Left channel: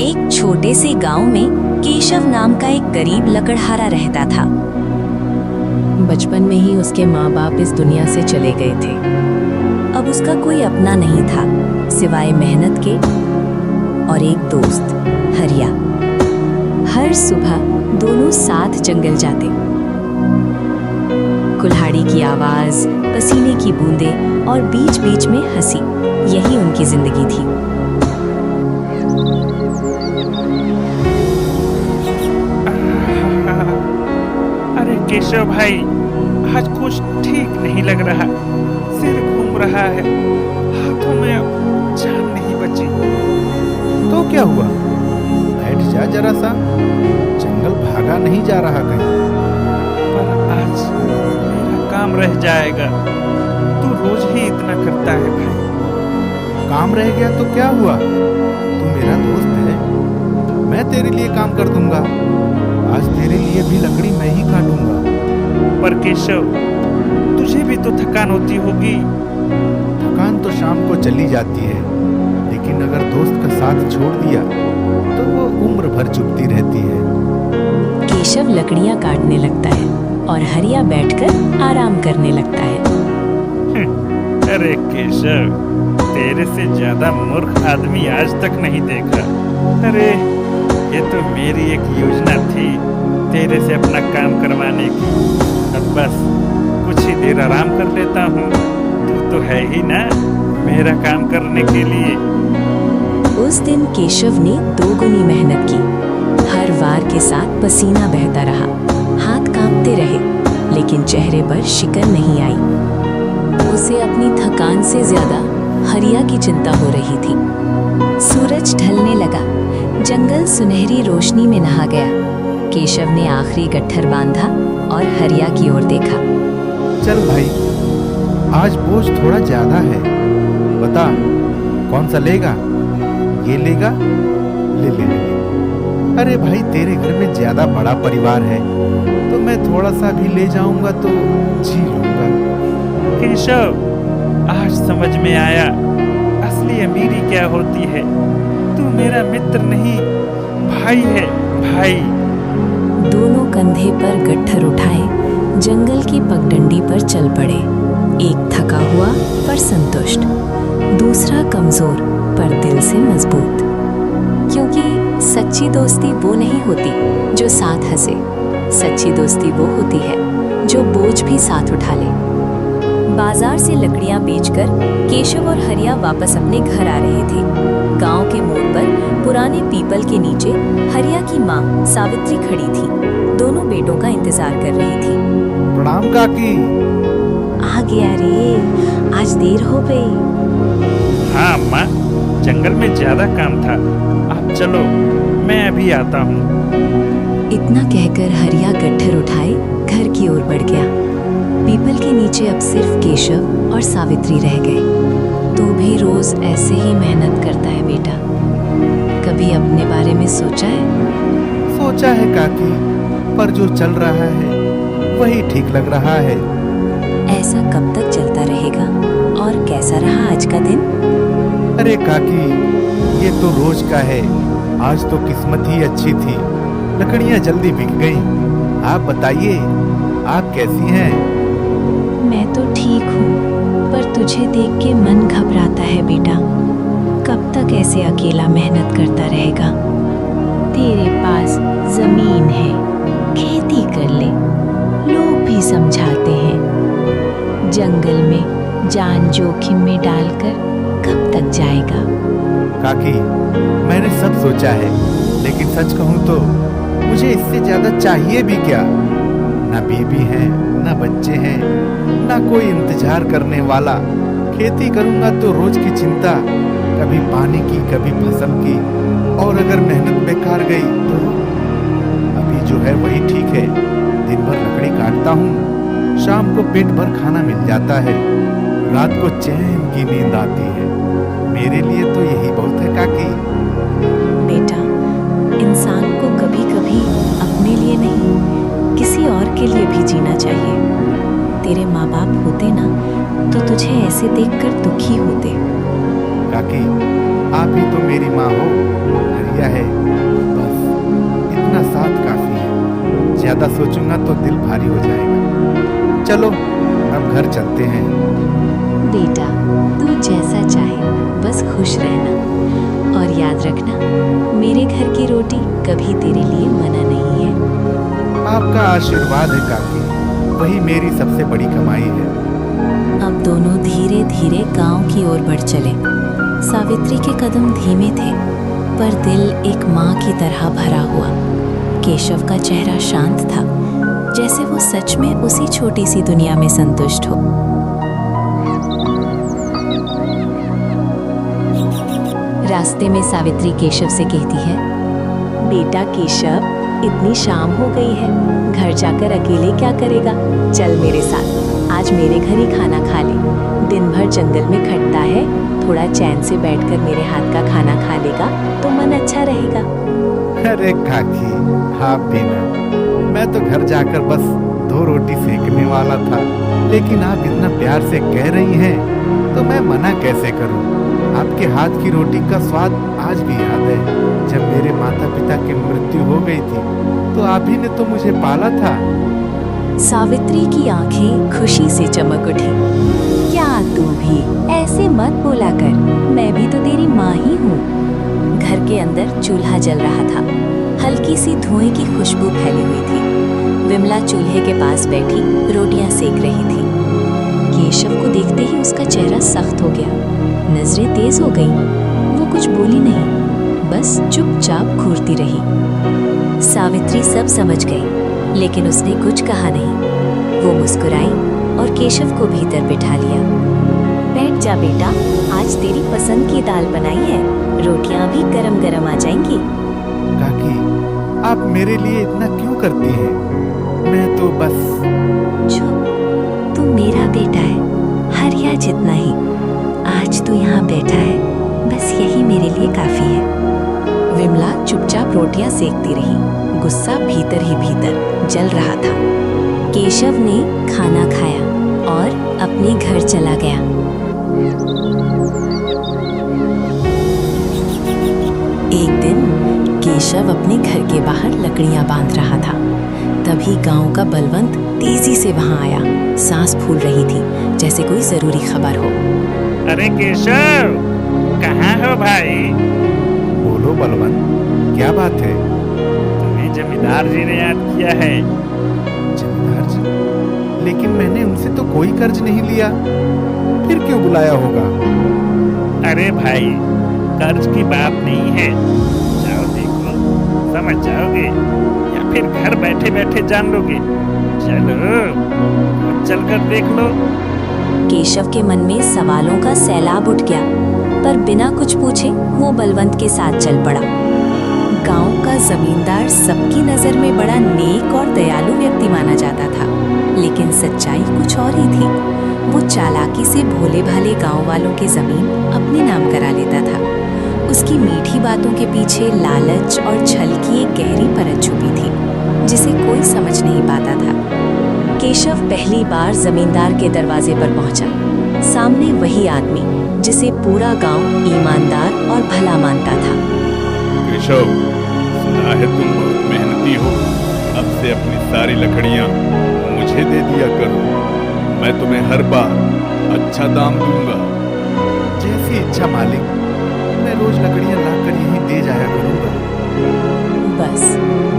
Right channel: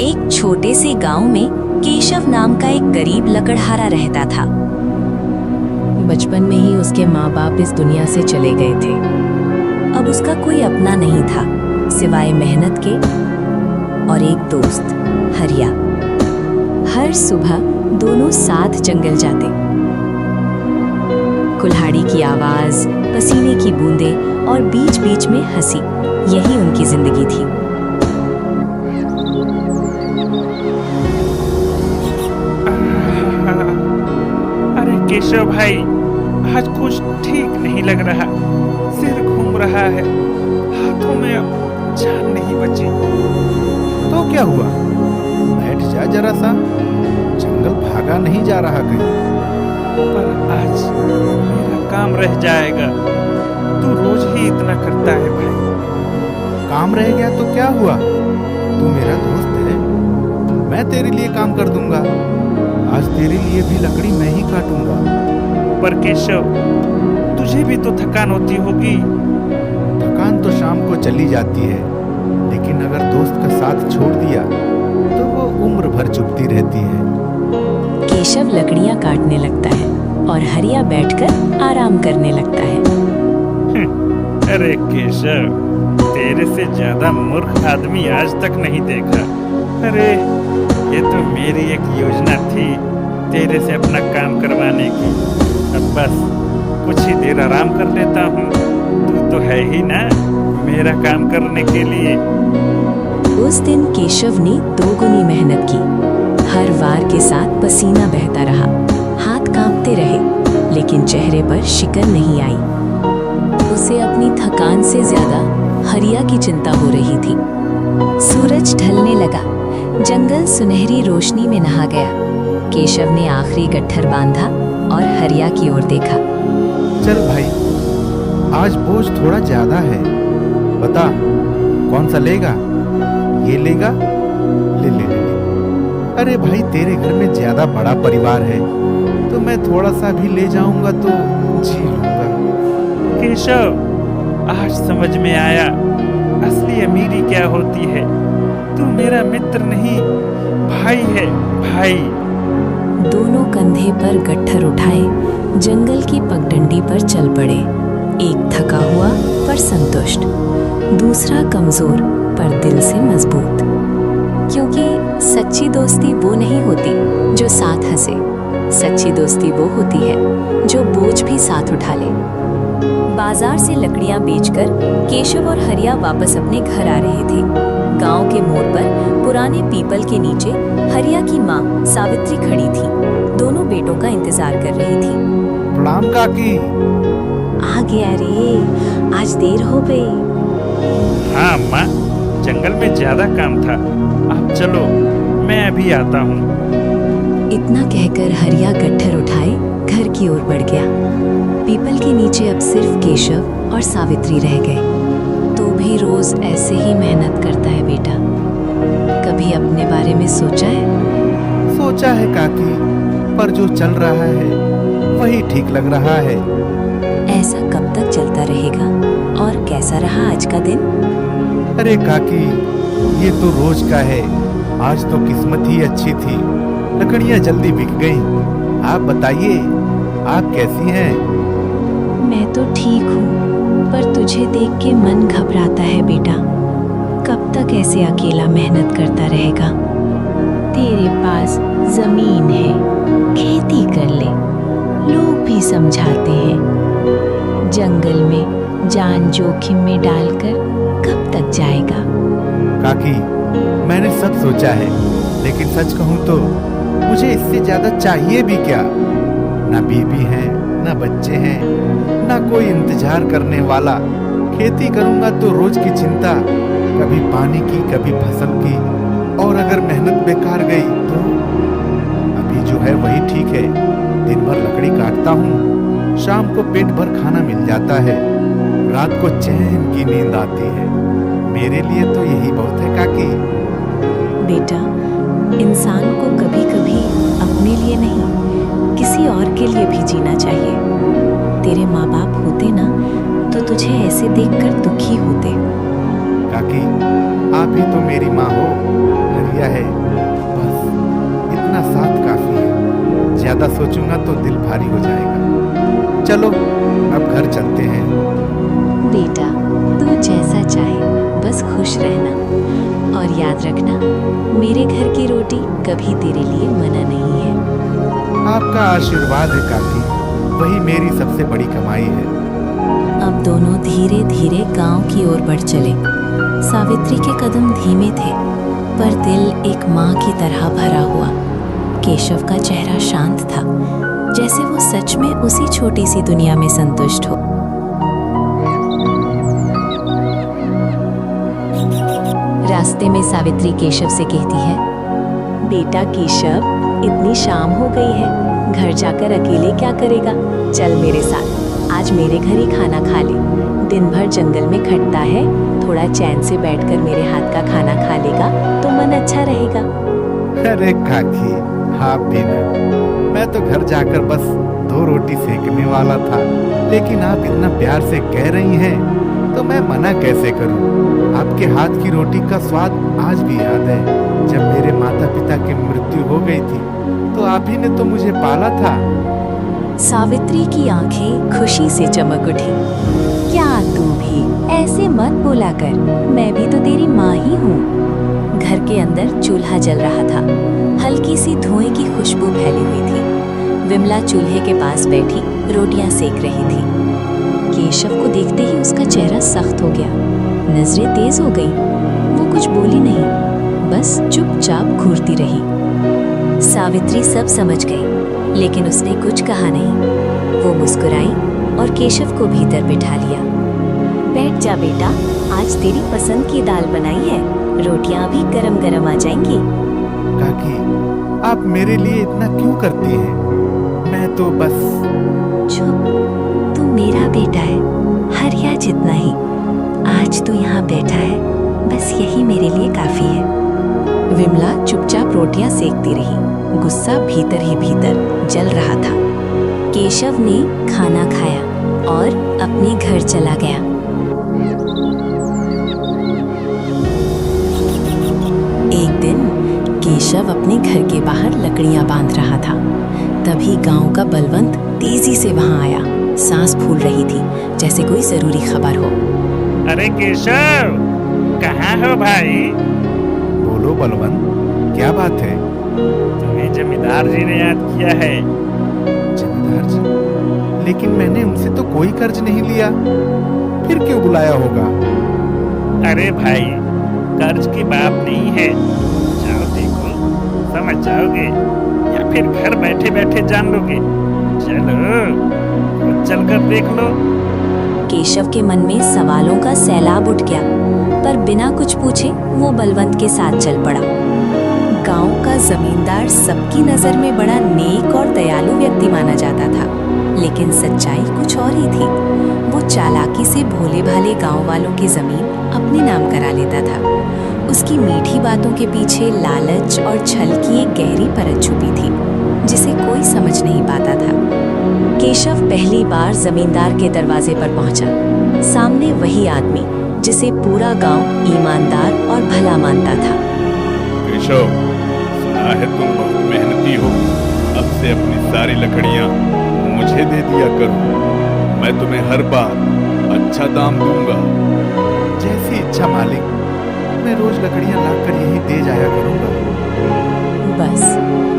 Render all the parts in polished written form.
एक छोटे से गांव में केशव नाम का एक गरीब लकड़हारा रहता था। बचपन में ही उसके माँ बाप इस दुनिया से चले गए थे। अब उसका कोई अपना नहीं था सिवाय मेहनत के और एक दोस्त हरिया। हर सुबह दोनों साथ जंगल जाते। कुल्हाड़ी की आवाज, पसीने की बूंदें और बीच बीच में हंसी, यही उनकी जिंदगी थी। अरे केशव भाई, आज कुछ ठीक नहीं लग रहा। सिर घूम रहा है, हाथों में अब जान नहीं बची। तो क्या हुआ? बैठ जा जरा सा, जंगल भागा नहीं जा रहा कहीं। पर आज मेरा काम रह जाएगा। तू रोज ही इतना करता है भाई। काम रह गया तो क्या हुआ? तू मेरा दोस्त है, मैं तेरे लिए काम कर दूंगा। आज तेरे लिए भी लकड़ी मैं ही काटूंगा। पर केशव, तुझे भी तो थकान होती होगी। थकान तो शाम को चली जाती है, लेकिन अगर दोस्त का साथ छोड़ दिया तो वो उम्र भर चुभती रहती है। केशव लकड़ियां काटने लगता है और हरिया बैठकर आराम करने लगता है। अरे केशव, तेरे से ज्यादा मूर्ख आदमी आज तक नहीं देखा। अरे ये तो मेरी एक योजना थी तेरे से अपना काम करवाने की। अब बस कुछ ही देर आराम कर लेता हूँ। तू तो है ही ना मेरा काम करने के लिए। उस दिन केशव ने दोगुनी मेहनत की। हर वार के साथ पसीना बहता रहा, हाथ कांपते रहे, लेकिन चेहरे पर शिकन नहीं आई। उसे अपनी थकान से ज्यादा हरिया की चिंता हो रही थी। सूरज ढलने लगा, जंगल सुनहरी रोशनी में नहा गया। केशव ने आखिरी गट्ठर बांधा और हरिया की ओर देखा। चल भाई, आज बोझ थोड़ा ज्यादा है। बता कौन सा लेगा? ये लेगा? ले ले ले ले। अरे भाई, तेरे घर में ज्यादा बड़ा परिवार है तो मैं थोड़ा सा भी ले जाऊंगा तो जी लूंगा। केशव, आज समझ में आया असली अमीरी क्या होती है। तू मेरा मित्र नहीं, भाई है, भाई। दोनों कंधे पर गट्ठर उठाए जंगल की पगडंडी पर चल पड़े। एक थका हुआ पर संतुष्ट, दूसरा कमजोर पर दिल से मजबूत। क्योंकि सच्ची दोस्ती वो नहीं होती जो साथ हंसे, सच्ची दोस्ती वो होती है जो बोझ भी साथ उठा ले। बाजार से लकड़ियां बेचकर केशव और हरिया वापस अपने घर आ रहे थे। गांव के मोड़ पर पुराने पीपल के नीचे हरिया की माँ सावित्री खड़ी थी। दोनों बेटों का इंतजार कर रही थी। प्रणाम काकी। आ गया रे, आज देर हो गई। हाँ माँ, जंगल में ज्यादा काम था। आप चलो, मैं अभी आता हूँ। इतना कहकर हरिया गट्ठर उठाए घर की ओर बढ़ गया। पीपल के नीचे अब सिर्फ केशव और सावित्री रह गए। तो भी रोज ऐसे ही मेहनत करता है बेटा? कभी अपने बारे में सोचा है? सोचा है काकी, पर जो चल रहा है वही ठीक लग रहा है। ऐसा कब तक चलता रहेगा? और कैसा रहा आज का दिन? अरे काकी, ये तो रोज का है। आज तो किस्मत ही अच्छी थी, लकड़ियां जल्दी बिक गईं। आप बताइए, आप कैसी हैं? मैं तो ठीक हूँ, पर तुझे देख के मन घबराता है बेटा। कब तक ऐसे अकेला मेहनत करता रहेगा? तेरे पास जमीन है, खेती कर ले, लोग भी समझाते हैं। जंगल में जान जोखिम में डालकर कब तक जाएगा? काकी, मैंने सब सोचा है, लेकिन सच कहूँ तो मुझे इससे ज्यादा चाहिए भी क्या? ना बीबी है, ना बच्चे हैं, ना कोई इंतजार करने वाला। खेती करूंगा तो रोज की चिंता, कभी पानी की, कभी फसल की, और अगर मेहनत बेकार गई तो अभी जो है वही ठीक है। दिन भर लकड़ी काटता हूँ, शाम को पेट भर खाना मिल जाता है, रात को चैन की नींद आती है। मेरे लिए तो यही बहुत है काकी। बेटा, इंसान को कभी कभी अपने लिए नहीं, किसी और के लिए भी जीना चाहिए। तेरे माँ बाप होते ना तो तुझे ऐसे देखकर दुखी होते। काकी, आप ही तो मेरी माँ हो। नजरिया है, बस इतना साथ काफी है। ज्यादा सोचूंगा तो दिल भारी हो जाएगा। चलो अब घर चलते हैं। बेटा, तू जैसा चाहे, बस खुश रहना। और याद रखना, मेरे घर की रोटी कभी तेरे लिए मना नहीं है। आपका आशीर्वाद है काकी, वही मेरी सबसे बड़ी कमाई है। अब दोनों धीरे धीरे गांव की ओर बढ़ चले। सावित्री के कदम धीमे थे, पर दिल एक माँ की तरह भरा हुआ। केशव का चेहरा शांत था, जैसे वो सच में उसी छोटी सी दुनिया में संतुष्ट हो। रास्ते में सावित्री केशव से कहती है, बेटा केशव, इतनी शाम हो गई है, घर जाकर अकेले क्या करेगा? चल मेरे साथ, आज मेरे घर ही खाना खा ले। दिन भर जंगल में खटता है, थोड़ा चैन से बैठकर मेरे हाथ का खाना खा लेगा तो मन अच्छा रहेगा। अरे काकी, आप भी ना, मैं तो घर जाकर बस 2 रोटी सेकने वाला था, लेकिन आप इतना प्यार से कह रही हैं तो मैं मना कैसे करूं। आपके हाथ की रोटी का स्वाद आज भी याद है। जब मेरे माता पिता की मृत्यु हो गई थी तो आप ही ने तो मुझे पाला था। सावित्री की आंखें खुशी से चमक उठी। क्या तू भी ऐसे मत बोला कर, मैं भी तो तेरी माँ ही हूँ। घर के अंदर चूल्हा जल रहा था, हल्की सी धुएं की खुशबू फैली हुई थी। विमला चूल्हे के पास बैठी रोटियां सेक रही थी। केशव को देखते ही उसका चेहरा सख्त हो गया, नजरें तेज हो गईं। वो कुछ बोली नहीं, बस चुपचाप घूरती रही। सावित्री सब समझ गई, लेकिन उसने कुछ कहा नहीं। वो मुस्कुराई और केशव को भीतर बिठा लिया। बैठ जा बेटा, आज तेरी पसंद की दाल बनाई है, रोटियां भी गरम गरम आ जाएंगी। काकी, आप मेरे लिए इतना क्यों करती हैं? मैं तो बस। चुप, तू मेरा बेटा है, हरिया जितना ही। आज तू यहाँ बैठा है, बस यही मेरे लिए काफी है। विमला चुपचाप रोटियां सेकती रही, गुस्सा भीतर ही भीतर जल रहा था। केशव ने खाना खाया और अपने घर चला गया। एक दिन केशव अपने घर के बाहर लकड़ियां बांध रहा था। तभी गांव का बलवंत तेजी से वहां आया। सांस फूल रही थी, जैसे कोई जरूरी खबर हो। अरे केशव, कहाँ हो भाई? बोलो बलवंत, क्या बात है? तुम्हें जमींदार जी ने याद किया है। जमींदार जी? लेकिन मैंने उनसे तो कोई कर्ज नहीं लिया, फिर क्यों बुलाया होगा? अरे भाई, कर्ज की बात नहीं है, जाओ देखो, समझ जाओगे, या फिर घर बैठे बैठे जान लोगे। चलो, खुद चलकर देख लो। केशव के मन में सवालों का सैलाब उठ गया, पर बिना कुछ पूछे वो बलवंत के साथ चल पड़ा। गांव का जमींदार सबकी नजर में बड़ा नेक और दयालु व्यक्ति माना जाता था, लेकिन सच्चाई कुछ और ही थी। वो चालाकी से भोले भाले गांव वालों की जमीन अपने नाम करा लेता था। उसकी मीठी बातों के पीछे लालच और छल की एक गहरी परत छुपी थी, जिसे कोई समझ नहीं पाता था। केशव पहली बार जमींदार के दरवाजे पर पहुंचा। सामने वही आदमी जिसे पूरा गांव ईमानदार और भला मानता था। केशव, सुना है तुम बहुत मेहनती हो। अब से अपनी सारी लकड़ियां मुझे दे दिया करो, मैं तुम्हें हर बार अच्छा दाम दूंगा। जैसी इच्छा मालिक, मैं रोज लकड़ियां लाकर यहीं दे जाया करूंगा। बस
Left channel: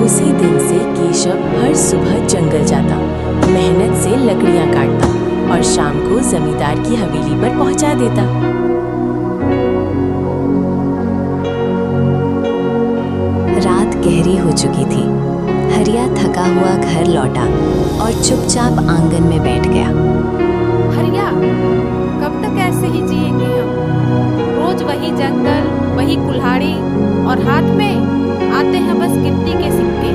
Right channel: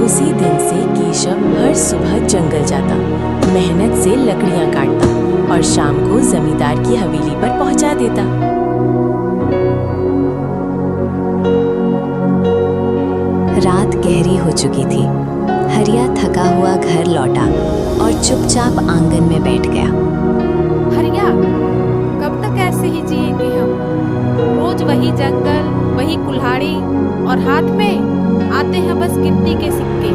उसी दिन से केशव हर सुबह जंगल जाता, मेहनत से लकड़ियां काटता और शाम को जमींदार की हवेली पर पहुंचा देता। रात गहरी हो चुकी थी। हरिया थका हुआ घर लौटा और चुपचाप आंगन में बैठ गया। हरिया, कब तक ऐसे ही जिएंगे हम? रोज वही जंगल, वही कुल्हाड़ी, और हाथ में आते हैं बस गिनती के सिक्के।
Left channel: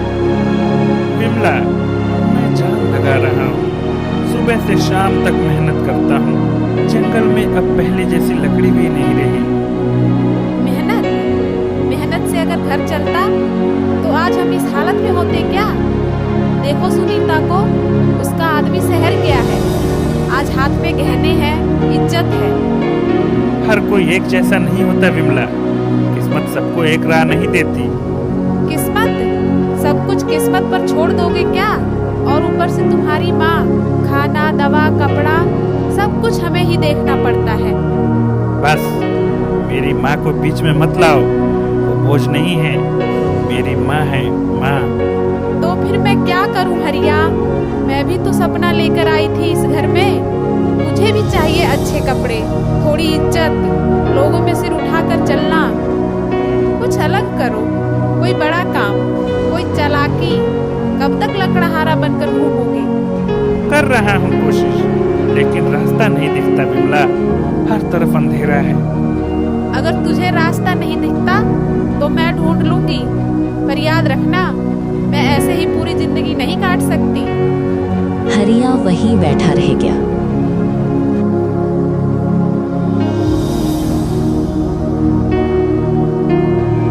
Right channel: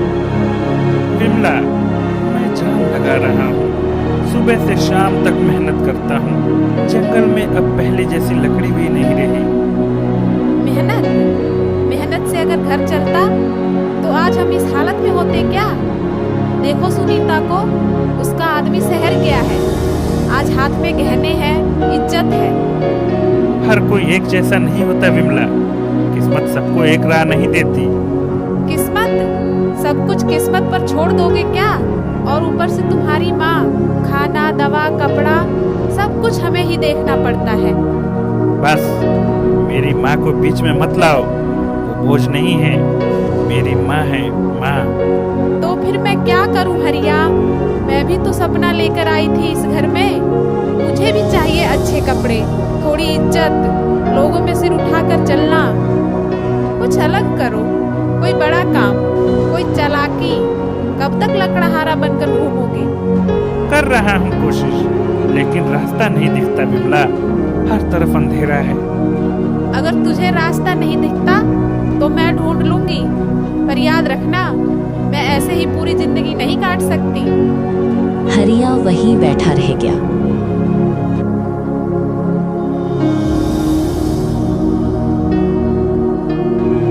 विमला, मैं जान लगा रहा हूँ, सुबह से शाम तक मेहनत करता हूँ। जंगल में अब पहले जैसी लकड़ी भी नहीं रही। मेहनत से अगर घर चलता तो आज हम इस हालत में होते क्या? देखो सुनीता को, उसका आदमी शहर गया है, आज हाथ में गहने हैं, इज्जत है। हर कोई एक जैसा नहीं होता विमला। किस्मत सबको एक राह नहीं देती। किस्मत? सब कुछ किस्मत पर छोड़ दोगे क्या? और ऊपर से तुम्हारी माँ, खाना, दवा, कपड़ा सब कुछ हमें ही देखना पड़ता है। बस मेरी माँ को बीच में मत लाओ, वो बोझ नहीं है, मेरी माँ है माँ। तो फिर मैं क्या करूं हरिया? मैं भी तो सपना लेकर आई थी इस घर में। मुझे भी चाहिए अच्छे कपड़े, थोड़ी इज्जत, लोगों में सिर उठाकर चलना। कुछ अलग करो, कोई बड़ा काम, कोई चालाकी। कब तक लकड़हारा बनकर घूमोगे? कर रहा हूँ कोशिश, लेकिन रास्ता नहीं दिखता विमला, हर तरफ अंधेरा है। अगर तुझे रास्ता नहीं दिखता तो मैं ढूंढ लूंगी, पर याद रखना मैं ऐसे ही पूरी जिंदगी नहीं काट सकती। हरिया वहीं बैठा रह गया।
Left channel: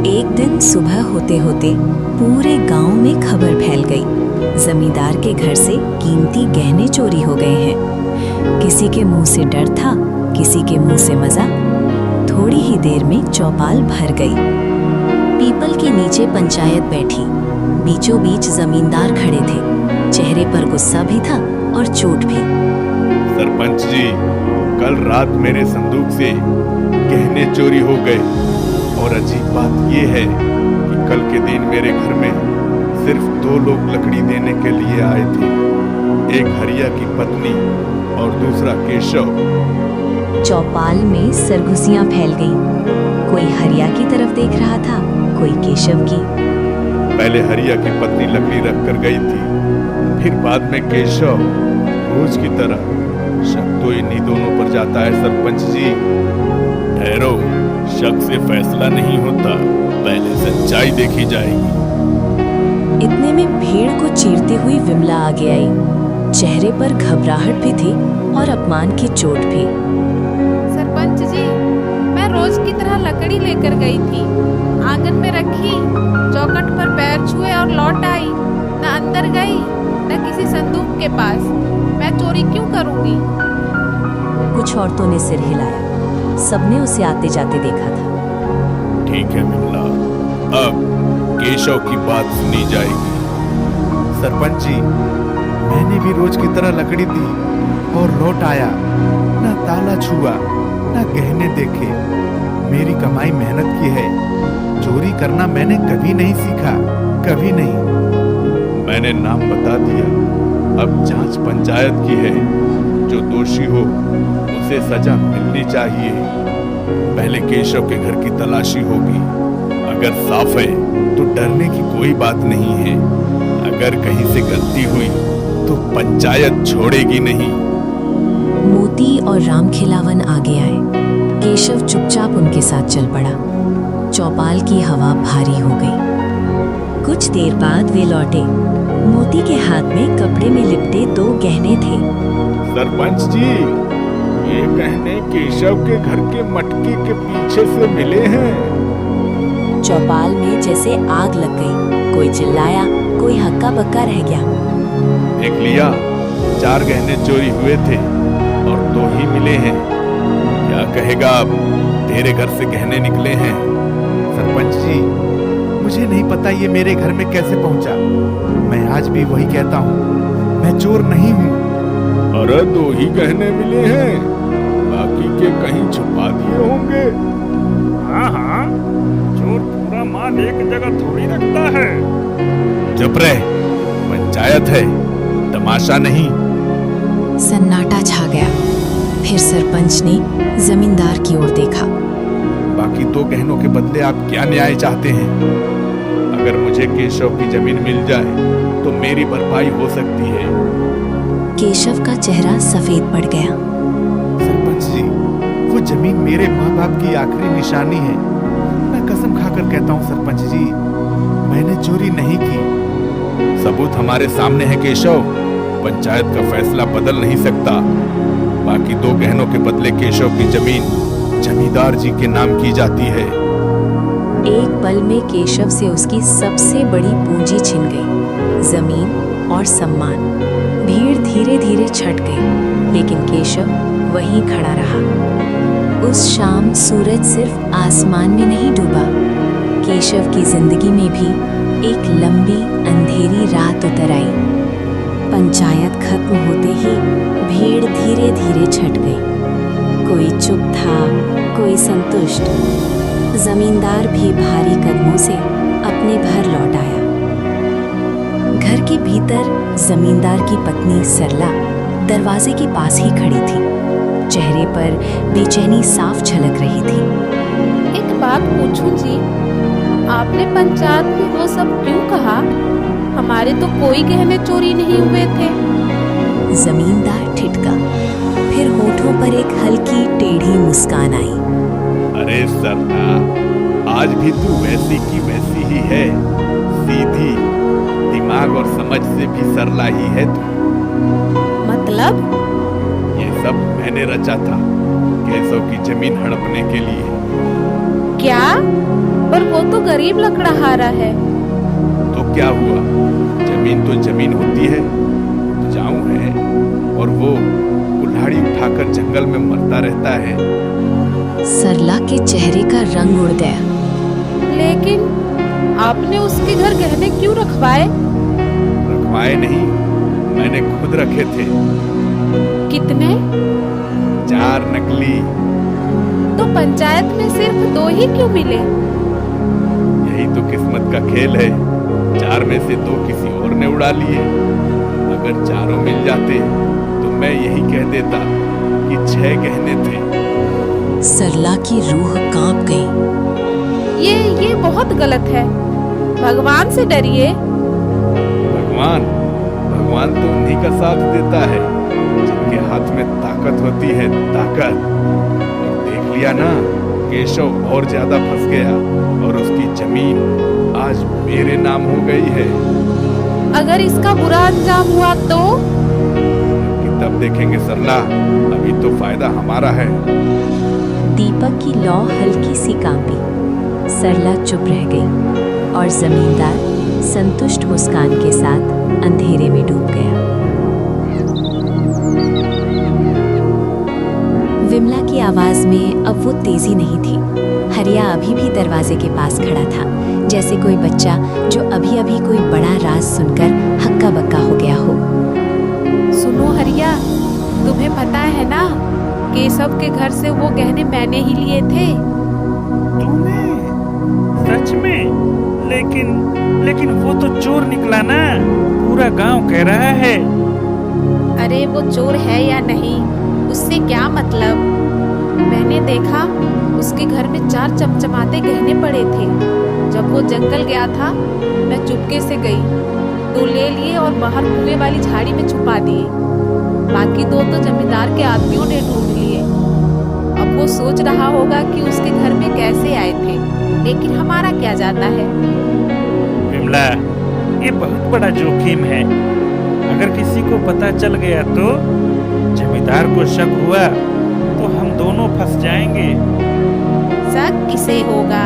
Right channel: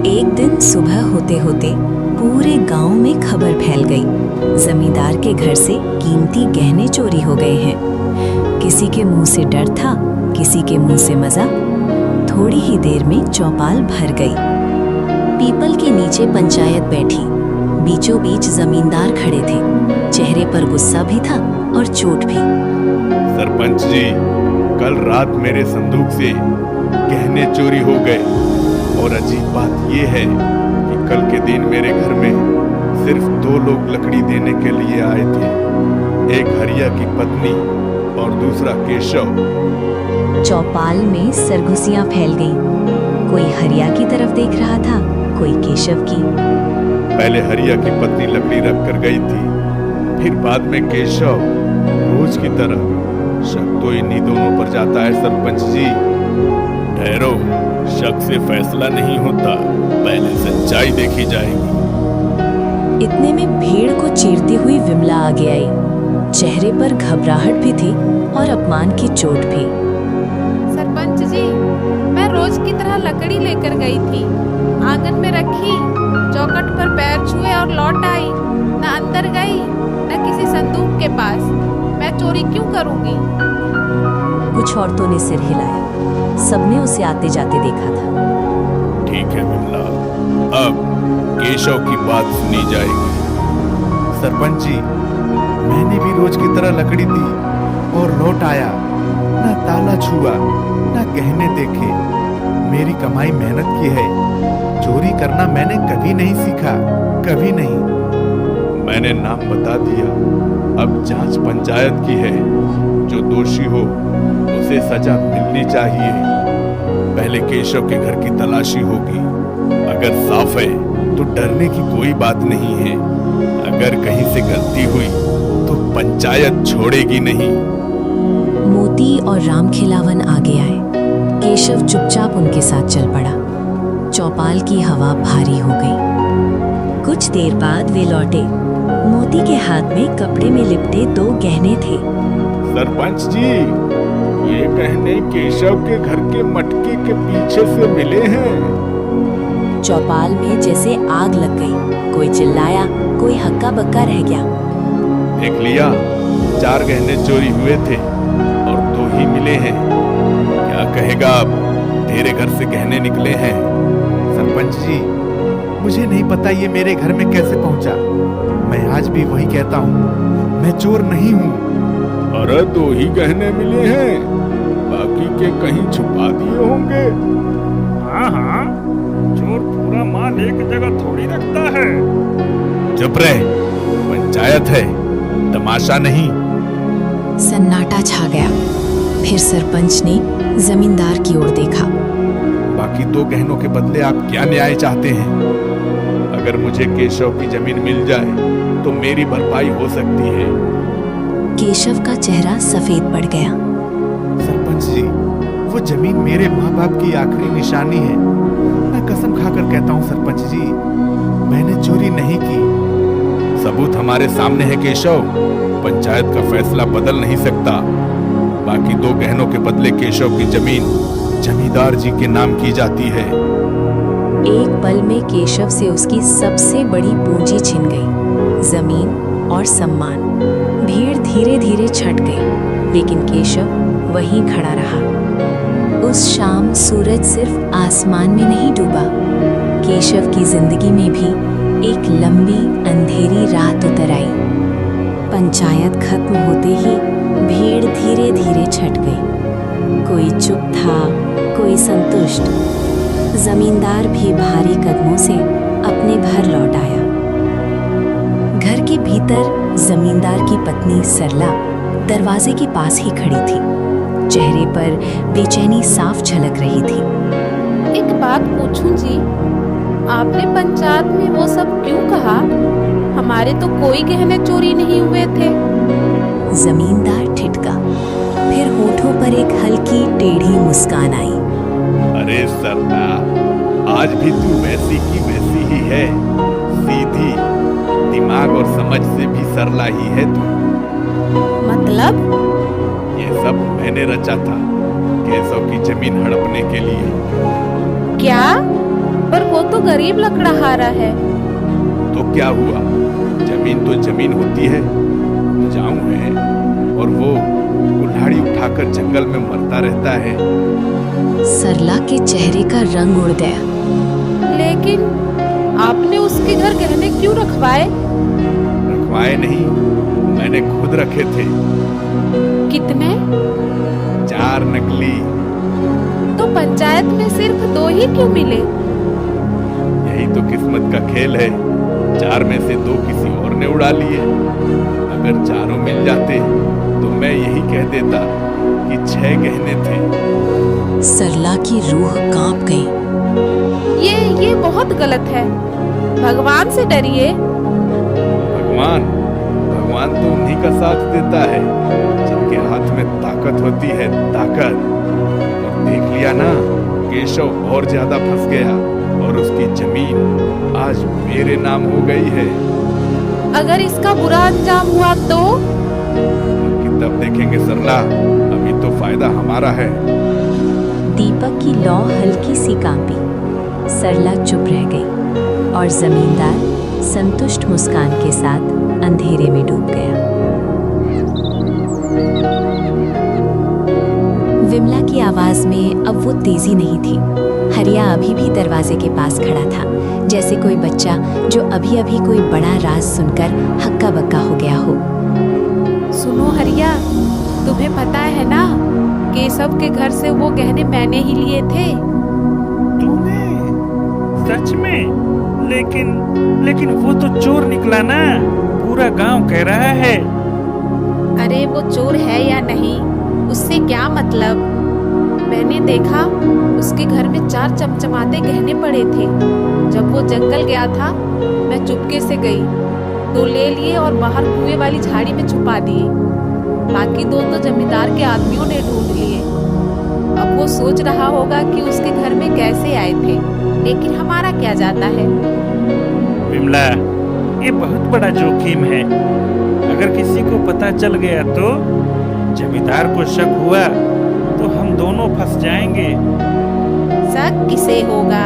एक दिन सुबह होते होते पूरे गांव में खबर फैल गई, जमींदार के घर से कीमती गहने चोरी हो गए हैं। किसी के मुंह से डर था, किसी के मुंह से मजा। थोड़ी ही देर में चौपाल भर गई। पीपल के नीचे पंचायत बैठी, बीचों बीच जमींदार खड़े थे। चेहरे पर गुस्सा भी था और चोट भी। सरपंच जी, कल रात मेरे संदूक से गहने चोरी हो गए, और अजीब बात ये है कि कल के दिन मेरे घर में सिर्फ 2 लोग लकड़ी देने के लिए आए थे, एक हरिया की पत्नी और दूसरा केशव। चौपाल में सरगुसियां फैल गईं। कोई हरिया की तरफ देख रहा था, कोई केशव की। पहले हरिया की पत्नी लकड़ी रख कर गई थी, फिर बाद में केशव। रोज की तरह शक तो इन्हीं दोनों पर जाता है सरपंच जी। ठहरो, शक से फैसला नहीं होता, पहले सच्चाई देखी जाएगी। इतने में भीड़ को चीरती हुई विमला आगे आई। चेहरे पर घबराहट भी थी और अपमान की चोट भी। सरपंच जी, मैं रोज की तरह लकड़ी लेकर गई थी, आंगन में रखी, चौखट पर पैर छुए और लौट आई। न अंदर गई, न किसी संदूक के पास। मैं चोरी क्यों करूंगी? कुछ औरतों ने सिर हिलाया। सबने उसे आते जाते देखा था। ठीक है विमला, अब केशव की बात सुनी जाएगी। सरपंच जी, मैंने भी रोज की तरह लकड़ी दी और लौट आया। न ताला छुआ, न गहने देखे। मेरी कमाई मेहनत की है। चोरी करना मैंने कभी नहीं सीखा, कभी नहीं। मैंने नाम बता दिया, अब जांच पंचायत की है। जो दोषी हो उसे सजा मिलनी चाहिए। पहले केशव के घर की तलाशी होगी। अगर साफ है तो डरने की कोई बात नहीं है। अगर कहीं से गलती हुई तो पंचायत छोड़ेगी नहीं। मोती और राम खिलावन आगे आए। केशव चुपचाप उनके साथ चल पड़ा। चौपाल की हवा भारी हो गई। कुछ देर बाद वे लौटे। मोती के हाथ में कपड़े में लिपटे 2 गहने थे। सरपंच जी, ये गहने केशव के घर के मटके के पीछे से मिले हैं। चौपाल में जैसे आग लग गई। कोई चिल्लाया, कोई हक्का बक्का रह गया। देख लिया, 4 गहने चोरी हुए थे और 2 ही मिले हैं। क्या कहेगा अब? तेरे घर से गहने निकले हैं। सरपंच जी, मुझे नहीं पता ये मेरे घर में कैसे पहुंचा। मैं आज भी वही कहता हूँ, मैं चोर नहीं हूँ। अरे 2 ही गहने मिले हैं, बाकी के कहीं छुपा दिए होंगे। हाँ हाँ, चोर पूरा माल एक जगह थोड़ी रखता है। चुप रहे, पंचायत है, तमाशा नहीं। सन्नाटा छा गया। फिर सरपंच ने जमींदार की ओर देखा। बाकी 2 गहनों के बदले आप क्या न्याय चाहते हैं? अगर मुझे केशव की जमीन मिल जाए तो मेरी भरपाई हो सकती है। केशव का चेहरा सफेद पड़ गया। सरपंच जी, वो जमीन मेरे माँ बाप की आखिरी निशानी है। मैं कसम खाकर कहता हूँ सरपंच जी, मैंने चोरी नहीं की। सबूत हमारे सामने है केशव। पंचायत का फैसला बदल नहीं सकता। बाकी 2 गहनों के बदले केशव की जमीन जमींदार जी के नाम की जाती है। एक पल में केशव से उसकी सबसे बड़ी पूंजी छिन गई, जमीन और सम्मान। भीड़ धीरे धीरे छट गई, लेकिन केशव वहीं खड़ा रहा। उस शाम सूरज सिर्फ आसमान में नहीं डूबा, केशव की जिंदगी में भी एक लंबी अंधेरी रात उतर आई। पंचायत खत्म होते ही भीड़ धीरे धीरे छट गई। कोई चुप था, कोई संतुष्ट। जमींदार भी भारी कदमों से अपने घर लौट आया। घर के भीतर जमींदार की पत्नी सरला दरवाजे के पास ही खड़ी थी। चेहरे पर बेचैनी साफ झलक रही थी। एक बात पूछूं जी, आपने पंचायत में वो सब क्यों कहा? हमारे तो कोई गहने चोरी नहीं हुए थे। जमींदार ठिठका, फिर होठों पर एक हल्की टेढ़ी मुस्कान आई। अरे सरला, आज भी तू वैसी की वैसी ही है, सीधी, दिमाग और समझ से भी सरला ही है तू। मतलब? ये सब मैंने रचा था केशव की जमीन हड़पने के लिए। क्या? पर वो तो गरीब लकड़हारा है। तो क्या हुआ, जमीन तो जमीन होती है, उपजाऊ है, और वो कुल्हाड़ी उठाकर जंगल में मरता रहता है। सरला के चेहरे का रंग उड़ गया। लेकिन आपने उसके घर गहने क्यों रखवाए? रखवाए नहीं, मैंने खुद रखे थे। कितने? 4 नकली। तो पंचायत में सिर्फ 2 ही क्यों मिले? यही तो किस्मत का खेल है, 4 में से 2 किसी और ने उड़ा लिए। अगर चारों मिल जाते तो मैं यही कह देता कि 6 गहने थे। सरला की रूह कांप गई। ये बहुत गलत है। भगवान से डरिए। भगवान तो उन्हीं का साथ देता है जिनके हाथ में ताकत होती है, ताकत। और देख लिया ना, केशव और ज्यादा फंस गया और उसकी जमीन आज मेरे नाम हो गई है। अगर इसका बुरा अंजाम हुआ तो? अब की तब देखेंगे सरला, अभी तो फायदा हमारा है। दीपक की लौ हल्की सी कांपी। सरला चुप रह गई और जमींदार संतुष्ट मुस्कान के साथ अंधेरे में डूब गया। विमला की आवाज में अब वो तेजी नहीं थी। हरिया अभी भी दरवाजे के पास खड़ा था, जैसे कोई बच्चा जो अभी अभी कोई बड़ा राज सुनकर हक्का बक्का हो गया हो। सुनो हरिया, तुम्हें पता है ना, केशव के घर से वो गहने मैंने ही लिए थे। तूने? सच में? लेकिन वो तो चोर निकला ना, पूरा गांव कह रहा है। अरे वो चोर है या नहीं, उससे क्या मतलब। मैंने देखा उसके घर में 4 चमचमाते गहने पड़े थे। जब वो जंगल गया था, मैं चुपके से गई, 2 ले लिए और बाहर कुएं वाली झाड़ी में छुपा दिए। बाकी 2 तो जमींदार के आदमियों ने ढूंढ लिए। अब वो सोच रहा होगा कि उसके घर में कैसे आए थे, लेकिन हमारा क्या जाता है। विमला, ये बहुत बड़ा जोखिम है। अगर किसी को पता चल गया तो, जमींदार को शक हुआ तो हम दोनों फंस जाएंगे। शक किसे होगा?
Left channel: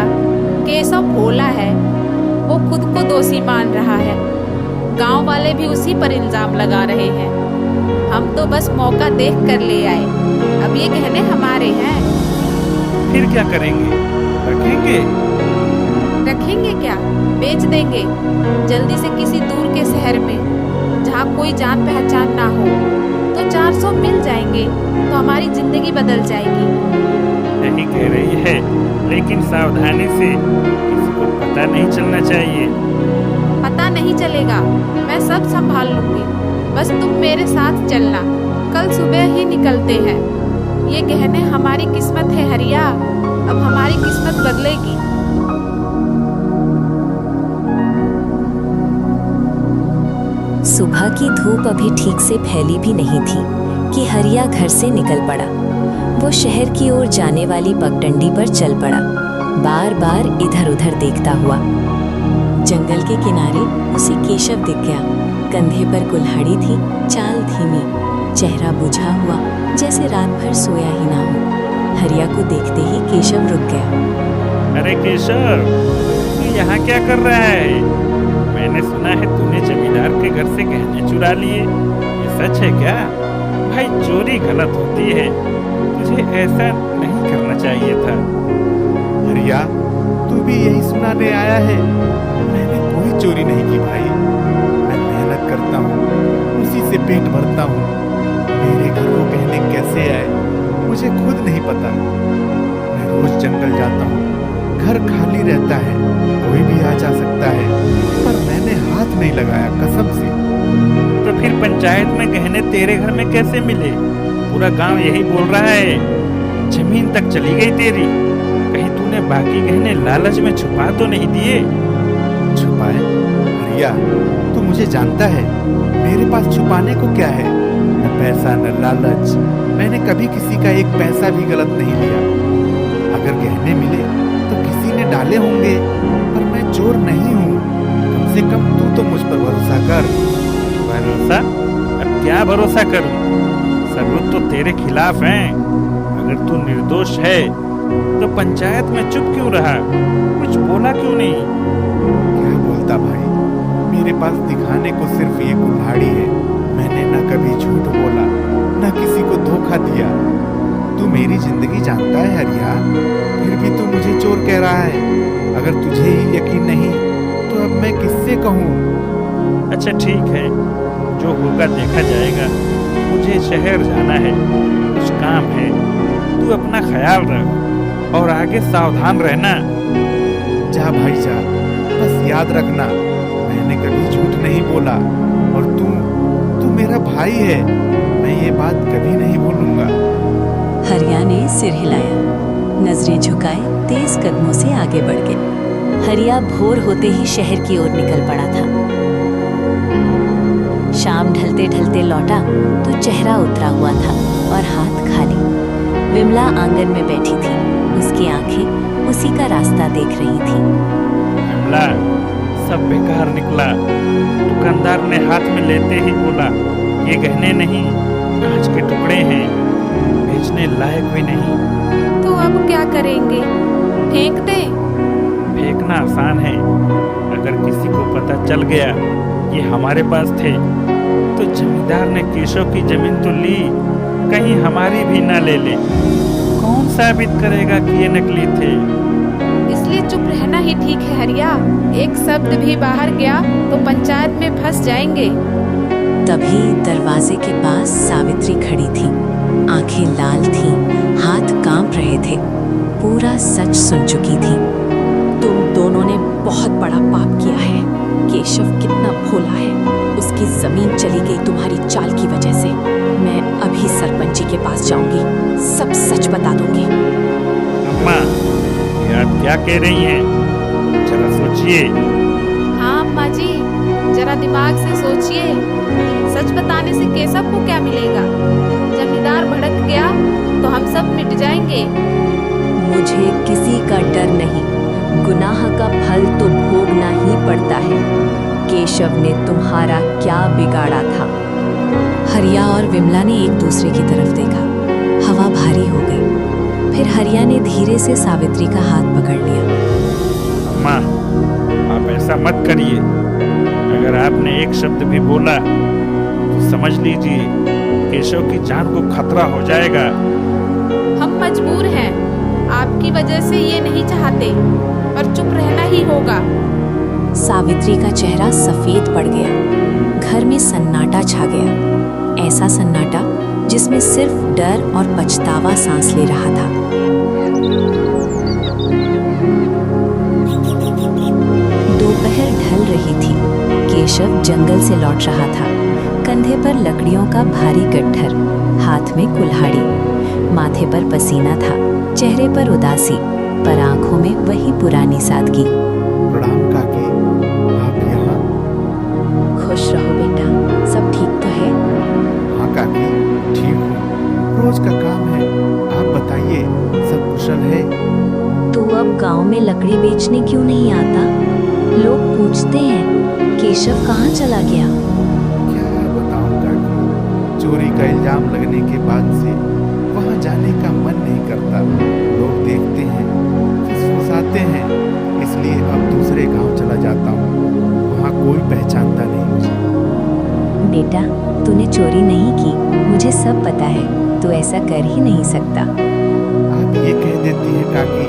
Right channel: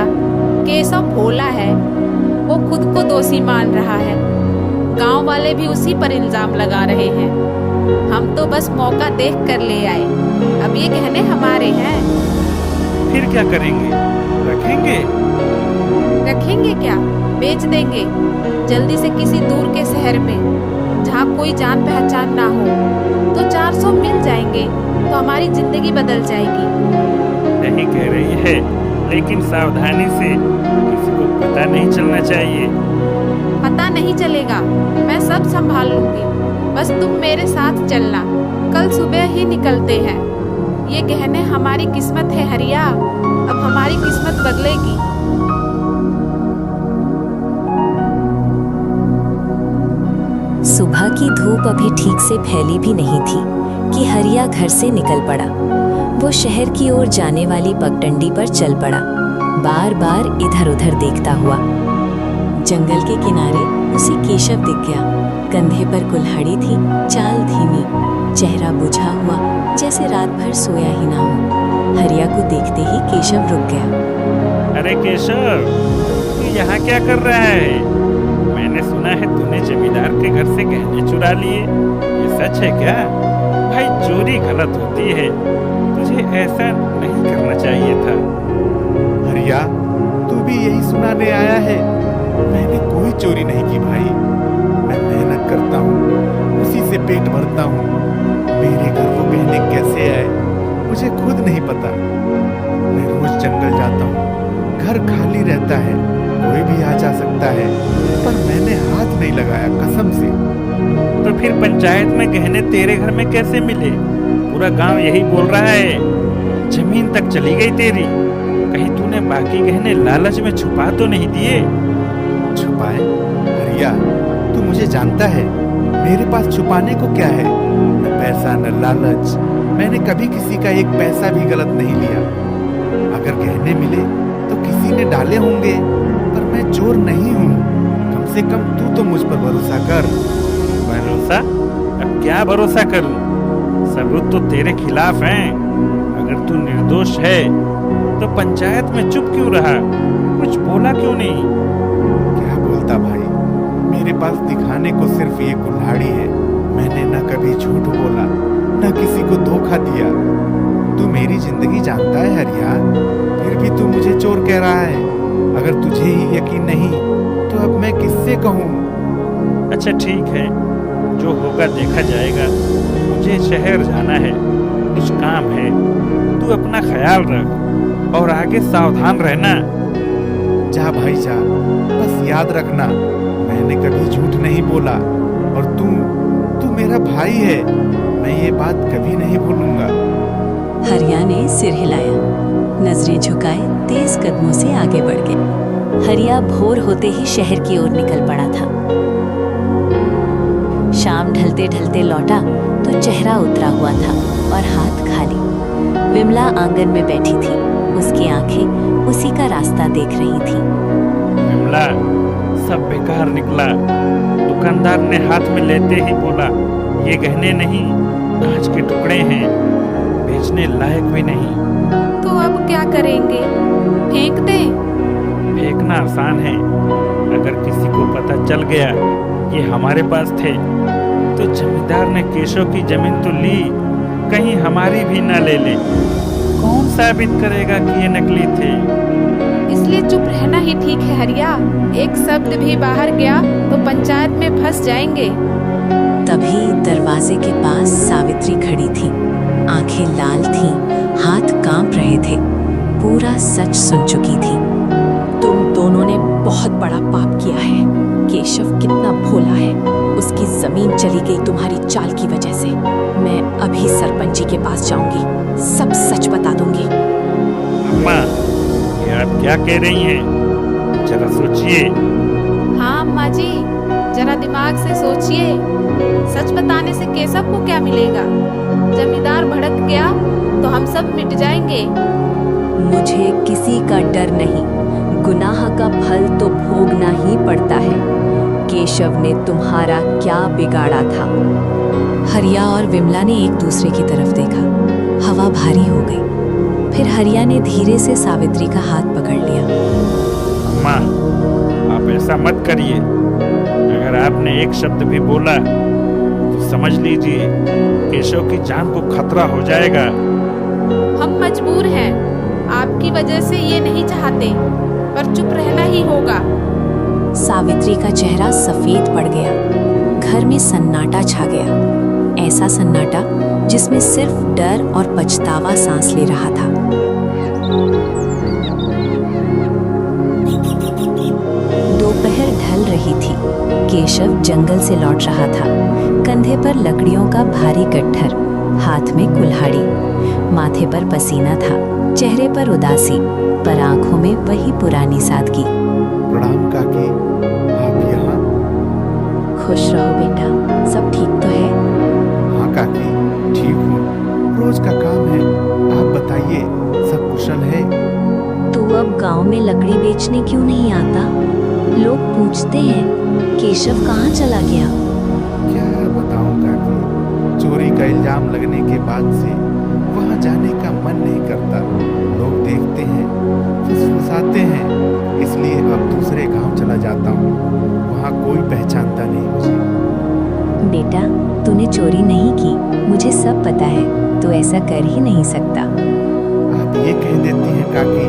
केशव भोला है, वो खुद को दोषी मान रहा है। गांव वाले भी उसी पर इल्जाम लगा रहे हैं। हम तो बस मौका देख कर ले आए। अब ये गहने हमारे हैं। फिर क्या करेंगे? रखेंगे? रखेंगे क्या, बेच देंगे जल्दी से किसी दूर के शहर में, जहाँ कोई जान पहचान ना हो। तो 400 मिल जाएंगे तो हमारी जिंदगी बदल जाएगी। यही कह रही है, लेकिन सावधानी से, किसी को पता नहीं चलना चाहिए। पता नहीं चलेगा, मैं सब संभाल लूंगी। बस तुम मेरे साथ चलना, कल सुबह ही निकलते हैं। ये गहने हमारी किस्मत है हरिया, अब हमारी किस्मत बदलेगी। सुबह की धूप अभी ठीक से फैली भी नहीं थी कि हरिया घर से निकल पड़ा। वो शहर की ओर जाने वाली पगडंडी पर चल पड़ा, बार बार इधर उधर देखता हुआ। जंगल के किनारे उसे केशव दिख गया। कंधे पर कुल्हाड़ी थी, चाल धीमी, चेहरा बुझा हुआ, जैसे रात भर सोया ही ना हो। हरिया को देखते ही केशव रुक गया। अरे केशव, तू यहाँ क्या कर रहा है? मैंने सुना है तूने जमींदार के घर से गहने चुरा लिए। ये सच है क्या? भाई, चोरी गलत होती है, तुझे ऐसा नहीं करना चाहिए था। हरिया, तू भी यही सुनाने आया है? मैंने कोई चोरी नहीं की भाई। मैं मेहनत करता हूँ, उसी से पेट भरता हूँ। मेरे घर वो गहने कैसे आए मुझे खुद नहीं पता। मैं रोज जंगल जाता हूँ, घर खाली रहता है, कोई भी आ जा सकता है, पर मैंने हाथ नहीं लगाया कसम से। तो फिर पंचायत में गहने तेरे घर में कैसे मिले? पूरा गांव यही बोल रहा है। जमीन तक चली गई तेरी। कहीं तूने बाकी गहने लालच में छुपा तो नहीं दिए? छुपाए? हरिया, तू मुझे जानता है, मेरे पास छुपाने को क्या है? न पैसा न लालच। मैंने कभी किसी का एक पैसा भी गलत नहीं लिया। अगर गहने मिले तो किसी ने डाले होंगे, पर मैं चोर नहीं हूँ। कम से कम तू तो मुझ पर भरोसा कर। भरोसा? अब क्या भरोसा करूं? सबूत तो तेरे खिलाफ हैं। अगर तू निर्दोष है तो पंचायत में चुप क्यों रहा? कुछ बोला क्यों नहीं? क्या बोलता भाई, मेरे पास दिखाने को सिर्फ ये कुल्हाड़ी है। मैंने न कभी झूठ बोला, न किसी को धोखा दिया। तू मेरी जिंदगी जानता है हरिया, फिर भी तू मुझे चोर कह रहा है। अगर तुझे ही यकीन नहीं तो अब मैं किससे कहूँ? अच्छा ठीक है, जो होगा देखा जाएगा। मुझे शहर जाना है, कुछ काम है। तू अपना ख्याल रख और आगे सावधान रहना। जा भाई जा, बस याद रखना मैंने कभी झूठ नहीं बोला। और तू मेरा भाई है, मैं ये बात कभी नहीं भूलूंगा। हरिया ने सिर हिलाया, नजरें झुकाए तेज कदमों से आगे बढ़ गए। हरिया भोर होते ही शहर की ओर निकल पड़ा था। शाम ढलते ढलते लौटा तो चेहरा उतरा हुआ था और हाथ खाली। विमला आंगन में बैठी थी, उसकी आंखें उसी का रास्ता देख रही थी। विमला, सब बेकार निकला। दुकानदार ने हाथ में लेते ही बोला, ये गहने नहीं, कांच के टुकड़े हैं, बेचने लायक भी नहीं। तो अब क्या करेंगे? फेंक दें? फेंकना आसान है। अगर किसी को पता चल गया ये हमारे पास थे तो जमींदार ने केशव की जमीन तो ली, कहीं हमारी भी ना ले ले। कौन साबित करेगा कि ये नकली थे? इसलिए चुप रहना ही ठीक है हरिया। एक शब्द भी बाहर गया तो पंचायत में फंस जाएंगे। तभी दरवाजे के पास सावित्री खड़ी थी। आंखें लाल थीं, हाथ कांप रहे थे। पूरा सच सुन चुकी थी। तुम दोनों ने बहुत बड़ा पाप किया है। केशव कितना भोला है, उसकी जमीन चली गई तुम्हारी चाल की वजह से। मैं अभी सरपंच जी के पास जाऊंगी, सब सच बता दूंगी। अम्मा, ये आप क्या कह रही हैं? जरा सोचिए। हाँ अम्मा जी, जरा दिमाग से सोचिए। सच बताने से केशव को क्या मिलेगा? जमींदार भड़क गया तो हम सब मिट जाएंगे। मुझे किसी का डर नहीं, गुनाह का फल तो भोगना ही पड़ता है। केशव ने तुम्हारा क्या बिगाड़ा था? हरिया और विमला ने एक दूसरे की तरफ देखा। हवा भारी हो गई। फिर हरिया ने धीरे से सावित्री का हाथ पकड़ लिया। अम्मा, आप ऐसा मत करिए। अगर आपने एक शब्द भी बोला तो समझ लीजिए केशव की जान को खतरा हो जाएगा। हम मजबूर हैं, आपकी वजह से ये नहीं चाहते, पर चुप रहना ही होगा। सावित्री का चेहरा सफेद पड़ गया। घर में सन्नाटा छा गया, ऐसा सन्नाटा जिसमें सिर्फ डर और पछतावा सांस ले रहा था। दोपहर ढल रही थी। केशव जंगल से लौट रहा था। कंधे पर लकड़ियों का भारी गट्ठर, हाथ में कुल्हाड़ी, माथे पर पसीना था, चेहरे पर उदासी, पर आंखों में वही पुरानी सादगी। प्रणाम काकी, आप यहाँ? खुश रहो बेटा, सब ठीक तो है? हाँ काकी, ठीक हूँ। रोज का काम है। आप बताइए, सब कुशल है? तू अब गांव में लकड़ी बेचने क्यों नहीं आता? लोग पूछते हैं केशव कहाँ चला गया? क्या बताऊं काकी, चोरी का इल्जाम लगने के बाद से वहाँ जाने का मन नहीं करता। लोग देखते हैं, फुसफुसाते हैं, इसलिए अब दूसरे गांव चला जाता हूँ। वहाँ कोई पहचानता नहीं मुझे। बेटा, तूने चोरी नहीं की, मुझे सब पता है। तू ऐसा कर ही नहीं सकता। आप ये कह देती है काकी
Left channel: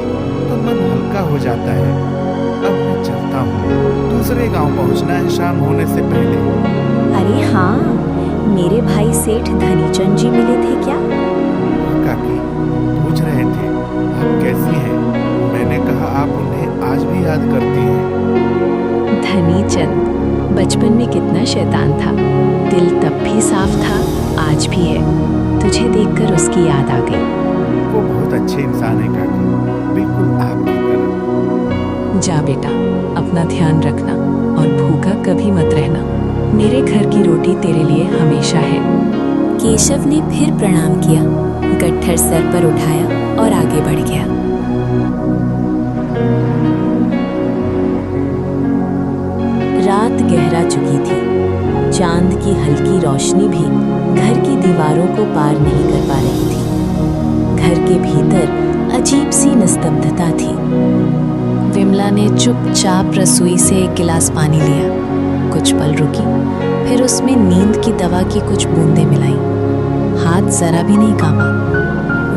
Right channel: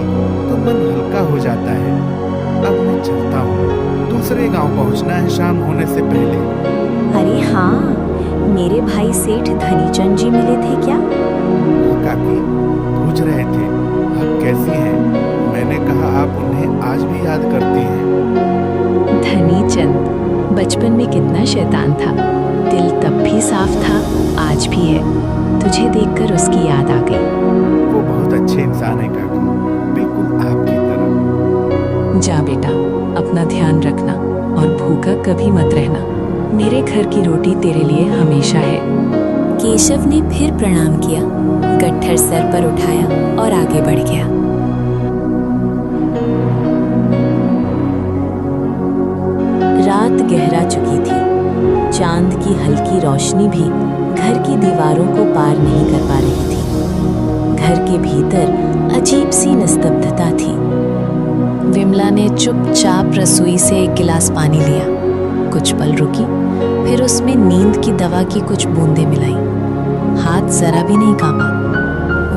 तो मन हल्का हो जाता है। अब मैं चलता हूँ, दूसरे गांव पहुँचना है शाम होने से पहले। अरे हाँ, मेरे भाई सेठ धनीचंद जी मिले थे क्या? हाँ काकी, पूछ रहे थे आप कैसी हैं। मैंने कहा आप उन्हें आज भी याद करती हैं। धनीचंद बचपन में कितना शैतान था, दिल तब भी साफ था, आज भी है। तुझे देखकर उसकी याद आ गई। वो बहुत अच्छे इंसान है काकी, बिल्कुल आपकी तरह। जा बेटा, अपना ध्यान रखना और भूखा कभी मत रहना। मेरे घर की रोटी तेरे लिए हमेशा है। केशव ने फिर प्रणाम किया, गट्ठर सर पर उठाया और आगे बढ़ गया। रात गहरा चुकी थी। चांद की हल्की रोशनी भी घर की दीवारों को पार नहीं कर पा रही थी। घर के भीतर अजीब सी निस्तब्धता थी। विमला ने चुपचाप रसोई से एक गिलास पानी लिया, कुछ पल रुकी, फिर उसमें नींद की दवा की कुछ बूंदें मिलाईं। हाथ जरा भी नहीं कांपा।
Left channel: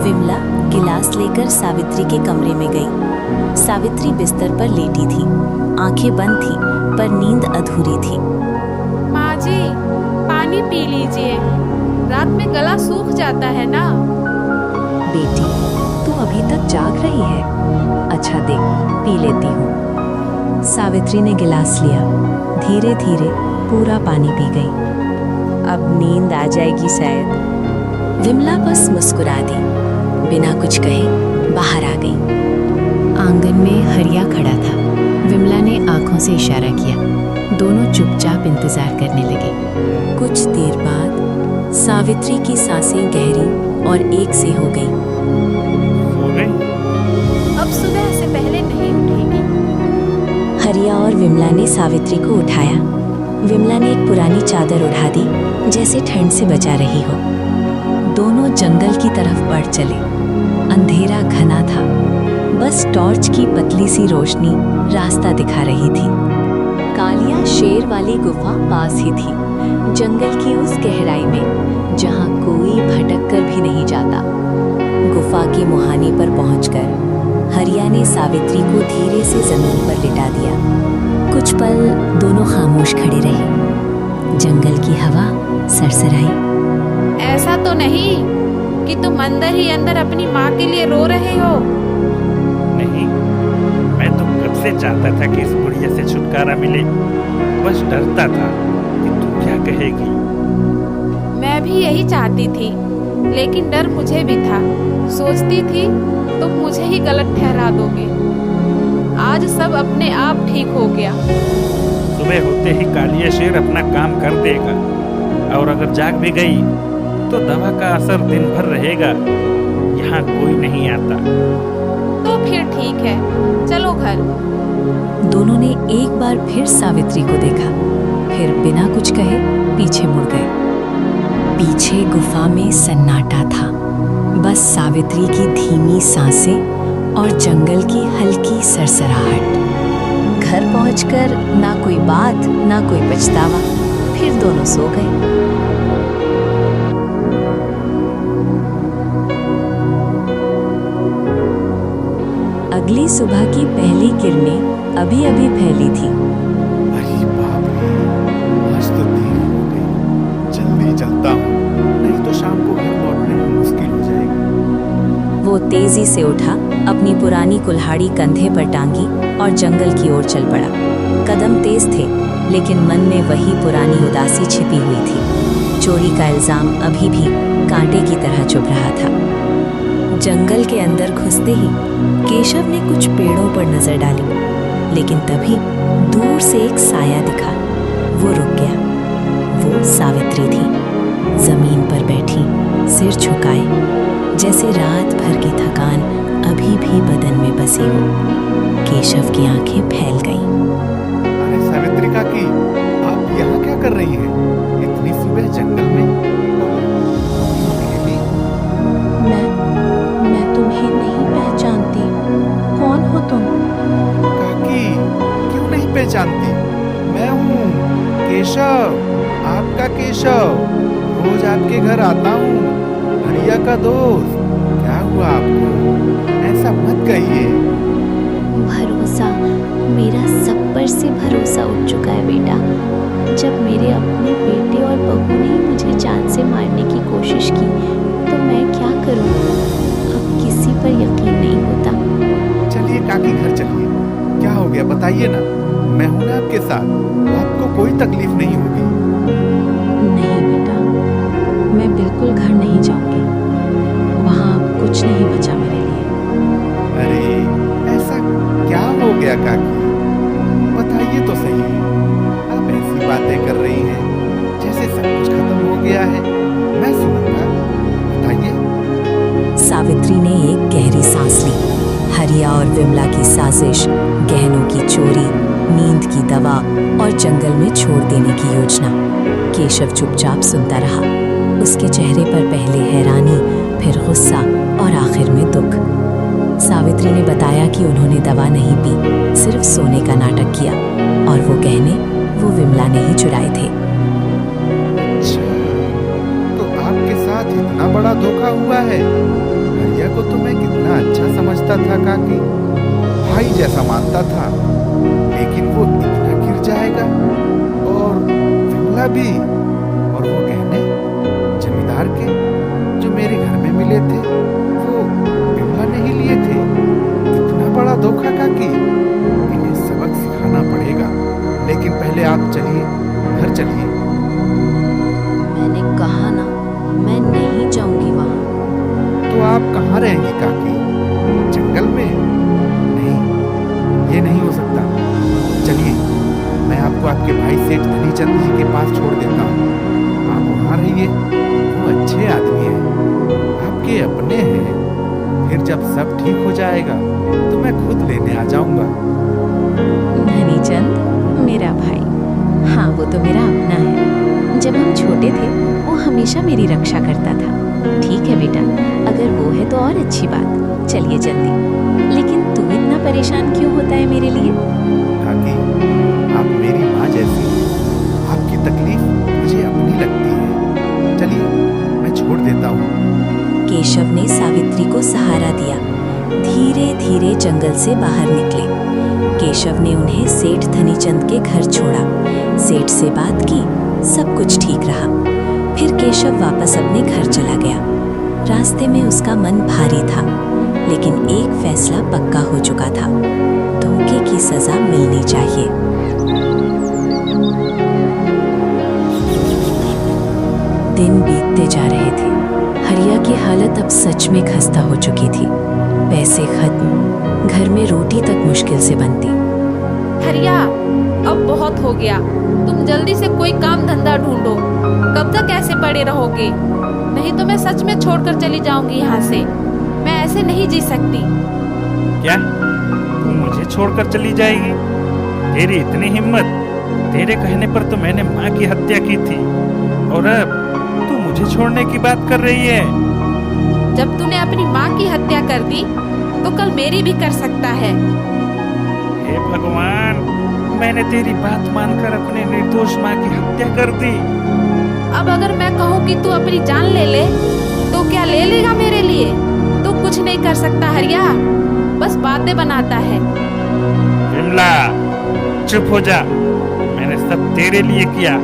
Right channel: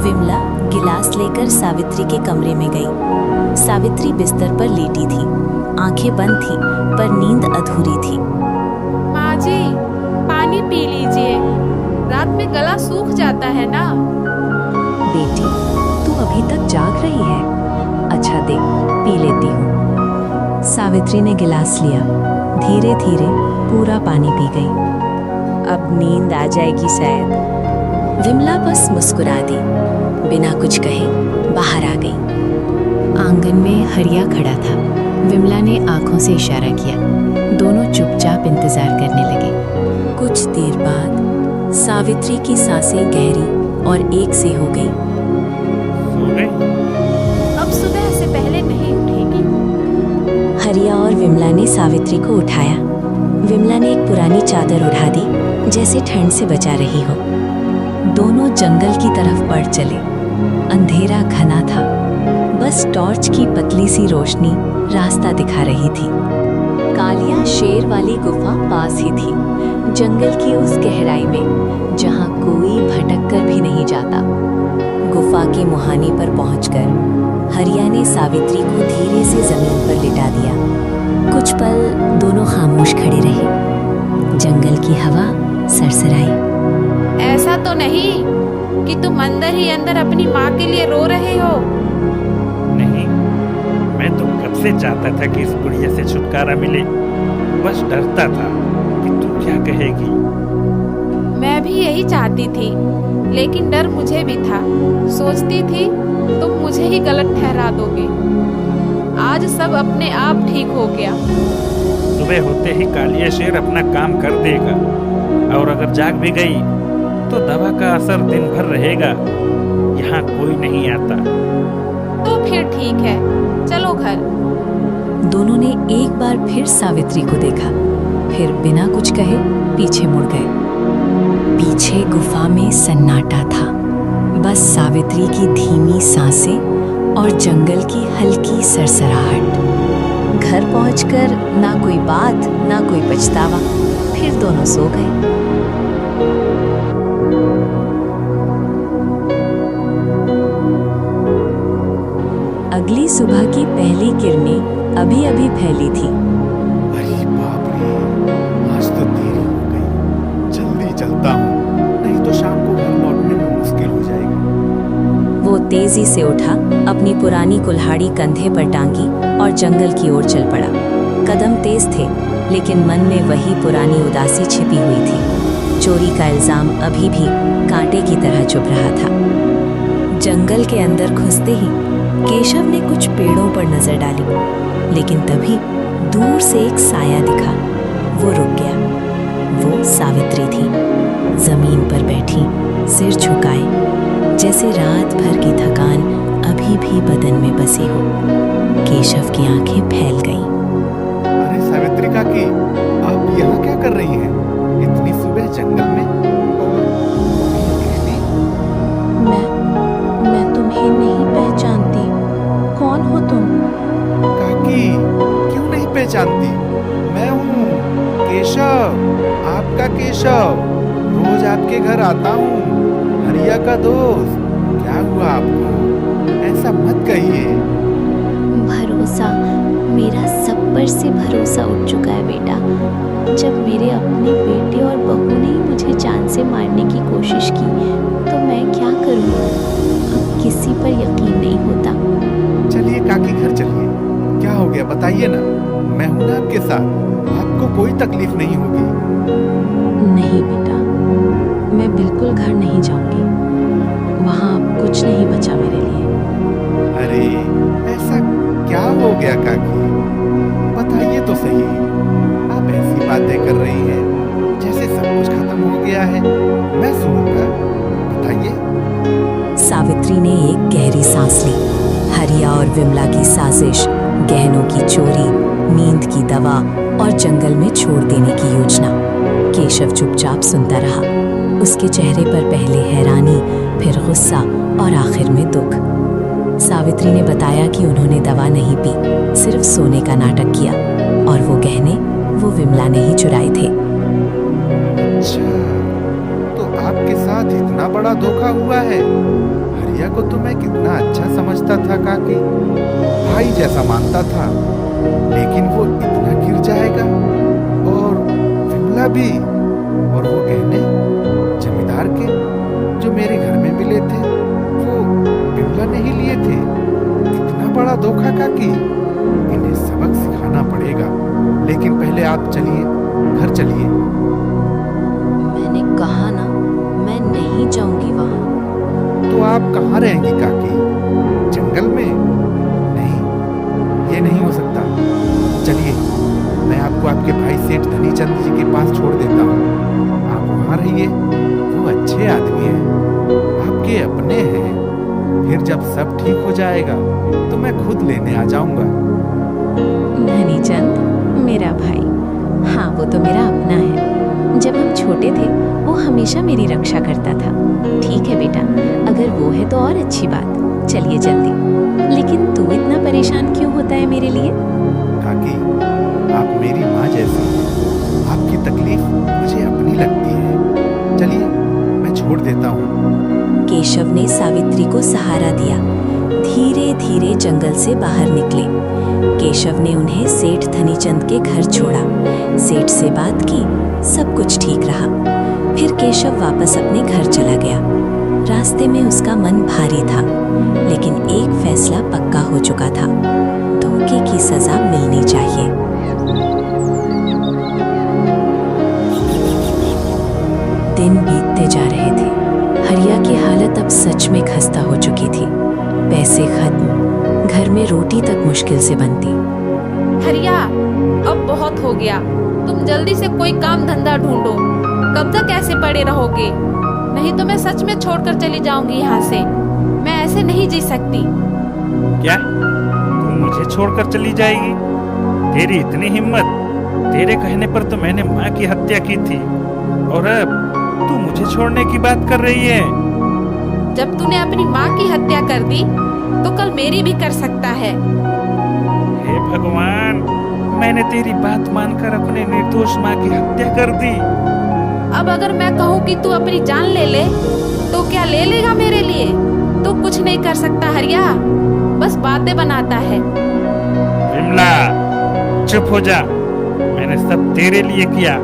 विमला गिलास लेकर सावित्री के कमरे में गई। सावित्री बिस्तर पर लेटी थी, आंखें बंद थी पर नींद अधूरी थी। माँ जी, पानी पी लीजिए, रात में गला सूख जाता है ना। बेटी, तू अभी तक जाग रही है? अच्छा देख, पी लेती हूँ। सावित्री ने गिलास लिया, धीरे धीरे पूरा पानी पी गई। अब नींद आ जाएगी शायद। विमला बस मुस्कुरा दी, बिना कुछ कहे बाहर आ गई। आंगन में हरिया खड़ा था। विमला ने आंखों से इशारा किया। दोनों चुपचाप इंतजार करने लगे। कुछ देर बाद सावित्री की सांसें गहरी और एक से हो गई। सो गई? अब सुबह से पहले नहीं उठेगी। हरिया और विमला ने सावित्री को उठाया। विमला ने एक पुरानी चादर उड़ा दी, जैसे ठंड से बचा रही हो। दोनों जंगल की तरफ बढ़ चले। अंधेरा घना था, बस टॉर्च की पतली सी रोशनी रास्ता दिखा रही थी। कालिया शेर वाली गुफा पास ही थी, जंगल की उस गहराई में जहां कोई भटक कर भी नहीं जाता। गुफा के मुहाने पर पहुंचकर हरिया ने सावित्री को धीरे से जमीन पर लिटा दिया। कुछ पल दोनों खामोश खड़े रहे। जंगल की हवा सरसराई। ऐसा तो नहीं कि तुम अंदर ही अंदर अपनी माँ के लिए रो रहे हो? नहीं, मैं तो कब से चाहता था कि इस बुढ़िया से छुटकारा मिले। बस डरता था कि तू क्या कहेगी। मैं भी यही चाहती थी, लेकिन डर मुझे भी था। सोचती थी तुम मुझे ही गलत ठहरा दोगे। आज सब अपने आप ठीक हो गया। सुबह होते ही कालिया शेर अपना काम कर देगा, और अगर जाग भी गई तो दवा का असर दिन भर रहेगा। यहाँ कोई नहीं आता। तो फिर ठीक है, चलो घर। दोनों ने एक बार फिर सावित्री को देखा, फिर बिना कुछ कहे पीछे मुड़ गए। पीछे गुफा में सन्नाटा था, बस सावित्री की धीमी सांसें और जंगल की हल्की सरसराहट। घर पहुंचकर ना कोई बात ना कोई पछतावा, फिर दोनों सो गए। अगली सुबह की पहली किरणें अभी अभी फैली थी। अरे बाप रे, आज तो देरी हो गई। जल्दी चलता हूँ, नहीं तो शाम को घर लौटने में मुश्किल हो जाएगी। वो तेजी से उठा, अपनी पुरानी कुल्हाड़ी कंधे पर टांगी और जंगल की ओर चल पड़ा। कदम तेज थे, लेकिन मन में वही पुरानी उदासी छिपी हुई थी। चोरी का इल्जाम अभी भी कांटे की तरह चुभ रहा था। जंगल के अंदर घुसते ही केशव ने कुछ पेड़ों पर नजर डाली, लेकिन तभी दूर से एक साया दिखा। वो रुक गया। वो सावित्री थी, जमीन पर बैठी, सिर झुकाए, जैसे रात भर की थकान अभी भी बदन में बसी हो। केशव की आंखें फैल गईं। अरे सावित्री काकी, आप यहाँ क्या कर रही हैं? इतनी सुबह जंगल में और ये अकेली? मैं तुम्हें नहीं पहचानती। कौन हो तुम? काकी, क्यों नहीं पहचानती? मैं हूँ केशव, आपका केशव। रोज आपके घर आता हूँ, हरिया का दोस्त। क्या हुआ आपको? ऐसा मत कहिए। भरोसा, मेरा सब पर से भरोसा उठ चुका है बेटा। जब मेरे अपने बेटे और बहू ने ही मुझे जान से मारने की कोशिश की तो मैं क्या करूं? अब किसी पर यकीन नहीं होता। चलिए काकी घर चलिए। क्या हो गया बताइए ना, मैं हूं ना आपके साथ, आपको कोई तकलीफ नहीं होगी। नहीं बेटा, मैं बिल्कुल घर नहीं जाऊंगी। वहां अब कुछ नहीं बचा मेरे लिए। अरे ऐसा क्या हो गया काकी, बताइए तो सही। आप ऐसी बातें कर रही हैं जैसे सब कुछ खत्म हो गया है। मैं सुनूंगा, बताइए। सावित्री ने एक गहरी सांस ली। हरिया और विमला की साजिश, गहनों की चोरी, नींद की दवा और जंगल में छोड़ देने की योजना। केशव चुपचाप सुनता रहा। उसके चेहरे पर पहले हैरानी, फिर गुस्सा और आखिर में दुख। सावित्री ने बताया कि उन्होंने दवा नहीं पी, सिर्फ सोने का नाटक किया और वो गहने वो विमला ने ही चुराए थे। अच्छा, तो आपके साथ इतना बड़ा धोखा हुआ है। हरिया को तो मैं कितना अच्छा समझता था काकी, भाई जैसा मानता था, लेकिन वो इतना गिर जाएगा। और विमला भी, और वो गहने जमींदार के जो मेरे घर में मिले थे वो विमला ने ही लिए थे। इतना बड़ा धोखा काकी, इन्हें सबक सिखाना पड़ेगा। लेकिन पहले आप चलिए, घर चलिए। मैंने कहा ना, मैं नहीं जाऊंगी वहां। तो आप कहाँ रहेंगी काकी? जंगल में? नहीं, ये नहीं हो सकता। चलिए, मैं आपको आपके भाई सेठ धनीचंद जी के पास छोड़ देता हूँ। आप वहाँ रहिए, वो अच्छे आदमी हैं, आपके अपने हैं। फिर जब सब ठीक हो जाएगा तो मैं खुद लेने आ जाऊंगा। धनीचंद मेरा भाई, हाँ वो तो मेरा अपना है। जब हम छोटे थे वो हमेशा मेरी रक्षा करता था। ठीक है बेटा, अगर वो है तो और अच्छी बात। चलिए जल्दी। लेकिन तू इतना परेशान क्यों होता है मेरे लिए? काकी, आप मेरी माँ जैसी हैं। आपकी तकलीफ मुझे अपनी लगती है। चलिए, मैं छोड़ देता हूँ। केशव ने सावित्री को सहारा दिया। धीरे धीरे जंगल से बाहर निकले। केशव ने उन्हें सेठ धनीचंद के घर छोड़ा। सेठ से बात की, सब कुछ ठीक रहा। फिर केशव वापस अपने घर चला गया। रास्ते में उसका मन भारी था, लेकिन एक फैसला पक्का हो चुका था, धोखे की सजा मिलनी चाहिए। दिन बीतते जा रहे थे। हरिया की हालत अब सच में खस्ता हो चुकी थी। पैसे खत्म, घर में रोटी तक मुश्किल से बनती। हरिया, अब बहुत हो गया। तुम जल्दी से कोई काम धंधा ढूंढो। कब तक ऐसे पड़े रहोगे? नहीं तो मैं सच में छोड़कर चली जाऊंगी यहाँ से। मैं ऐसे नहीं जी सकती। क्या तू मुझे छोड़कर चली जाएगी? तेरी इतनी हिम्मत? तेरे कहने पर तो मैंने माँ की हत्या की थी, और अब तू मुझे छोड़ने की बात कर रही है। जब तूने अपनी माँ की हत्या कर दी तो कल मेरी भी कर सकता है। हे भगवान, मैंने तेरी बात मानकर अपने निर्दोष माँ की हत्या कर दी। अब अगर मैं कहूँ कि तू अपनी जान ले ले तो क्या ले लेगा मेरे लिए? तू कुछ नहीं कर सकता हरिया, बस बातें बनाता है। विमला, चुप हो जा। मैंने सब तेरे लिए किया।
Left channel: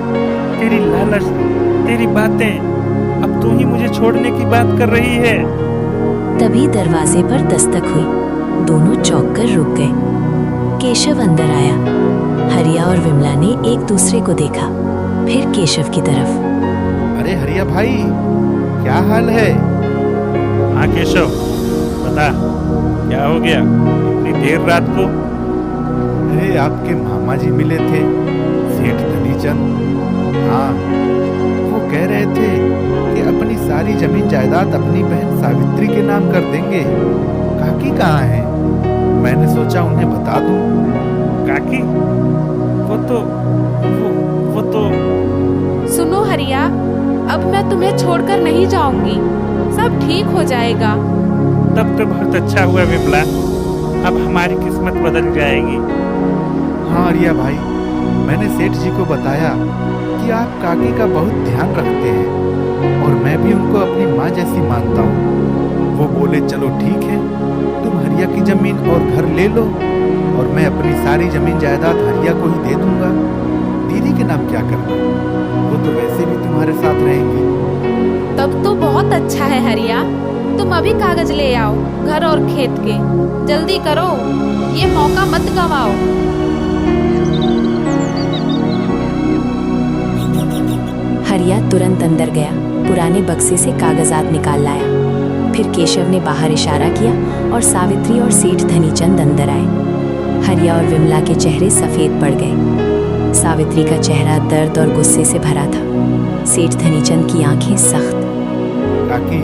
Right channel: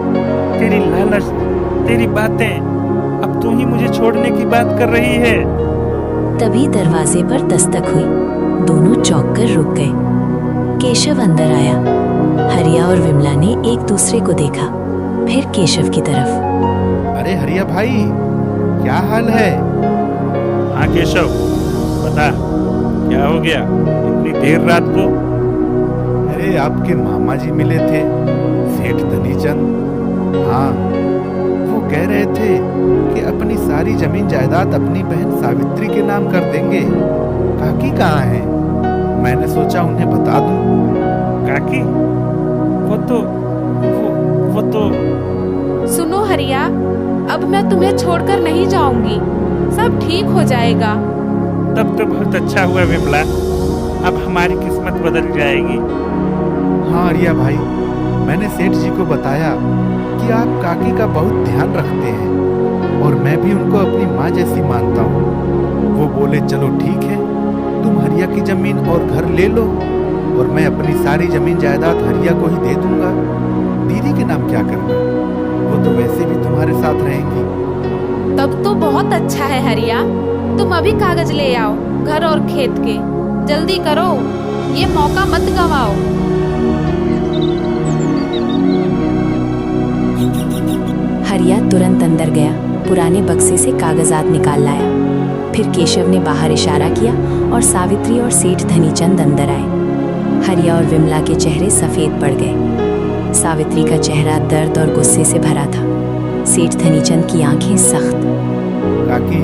तेरी लालच, तेरी बातें, अब तू ही मुझे छोड़ने की बात कर रही है। तभी दरवाजे पर दस्तक हुई। दोनों चौंक कर रुक गए। केशव अंदर आया। हरिया और विमला ने एक दूसरे को देखा, फिर केशव की तरफ। अरे हरिया भाई, क्या हाल है? हाँ केशव, बता क्या हो गया इतनी देर रात को? अरे आपके मामा जी मिले थे, सेठ धनीचंद। हाँ, वो कह रहे थे कि अपनी सारी जमीन जायदाद अपनी बहन सावित्री के नाम कर देंगे। काकी कहाँ है? मैंने सोचा उन्हें बता दूं। काकी? वो तो सुनो हरिया, अब मैं तुम्हें छोड़कर नहीं जाऊंगी। सब ठीक हो जाएगा। तब तो बहुत अच्छा हुआ विमला, अब हमारी किस्मत बदल जाएगी। हाँ हरिया भाई, मैंने सेठ जी को बताया कि आप काकी का बहुत ध्यान रखते हैं और मैं भी उनको अपनी माँ जैसी मानता हूँ। वो बोले चलो ठीक है, तुम हरिया की जमीन और घर ले लो और मैं अपनी सारी जमीन जायदाद हरिया को ही दे दूंगा। दीदी के नाम क्या करना, वो तो वैसे भी तुम्हारे साथ रहेंगी। तब तो बहुत अच्छा है हरिया, तुम अभी कागज ले आओ घर और खेत के। जल्दी करो, ये मौका मत गवाओ। हरिया तुरंत अंदर गया, पुराने बक्से से कागजात निकाल लाया। फिर केशव ने बाहर इशारा किया और सावित्री और सेठ धनीचंद अंदर आए। हरिया और विमला के चेहरे सफेद पड़ गए। सावित्री का चेहरा दर्द और गुस्से से भरा था। सेठ धनीचंद की आंखें सख्त। काकी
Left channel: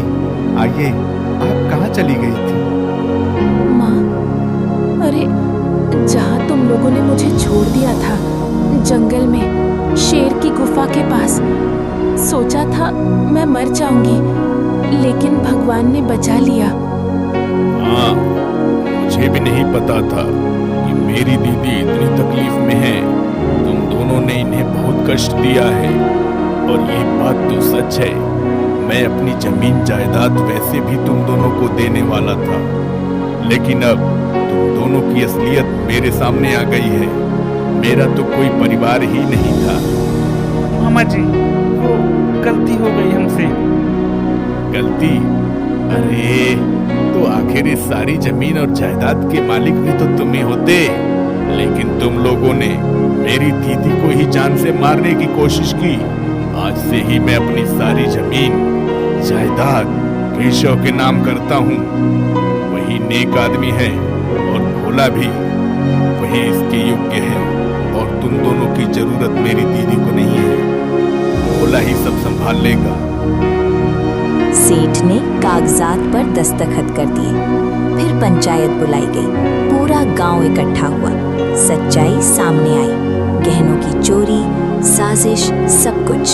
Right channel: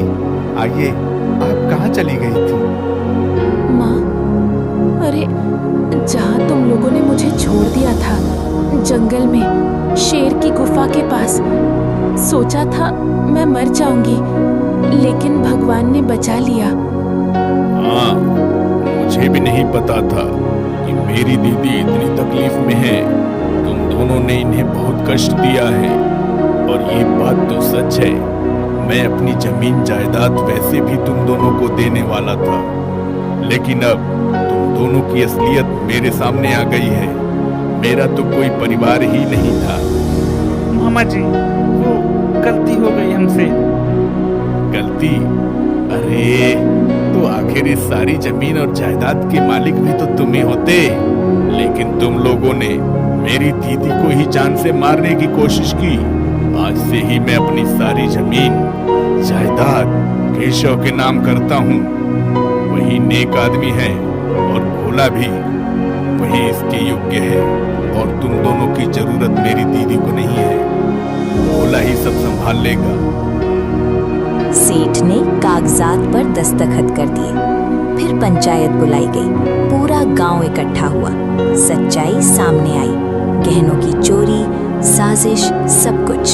आइए, आप कहाँ चली गई थी? माँ, अरे जहाँ तुम लोगों ने मुझे छोड़ दिया था, जंगल में शेर की गुफा के पास, सोचा था मैं मर जाऊंगी, लेकिन भगवान ने बचा लिया। हाँ, मुझे भी नहीं पता था कि मेरी दीदी इतनी तकलीफ में है। तुम दोनों ने इन्हें बहुत कष्ट दिया है और ये बात तो सच है। मैं अपनी जमीन जायदाद वैसे भी तुम दोनों को देने वाला था, लेकिन अब तुम दोनों की असलियत मेरे सामने आ गई है। मेरा तो कोई परिवार ही नहीं था। मामा जी, वो गलती हो गई हमसे। गलती? अरे तो आखिर इस सारी जमीन और जायदाद के मालिक भी तो तुम ही होते, लेकिन तुम लोगों ने मेरी दीदी को ही जान से मारने की कोशिश की। आज से ही मैं अपनी सारी जमीन जायदाद केशव के नाम करता हूँ। वही नेक आदमी है और भोला भी, वही इसके योग्य है और तुम दोनों की जरूरत मेरी दीदी को नहीं है। भोला ही सब संभाल लेगा। सेठ ने कागजात पर दस्तखत कर दिए। फिर पंचायत बुलाई गई। पूरा गांव इकट्ठा हुआ। सच्चाई सामने आई। गहनों की चोरी, साजिश, सब कुछ।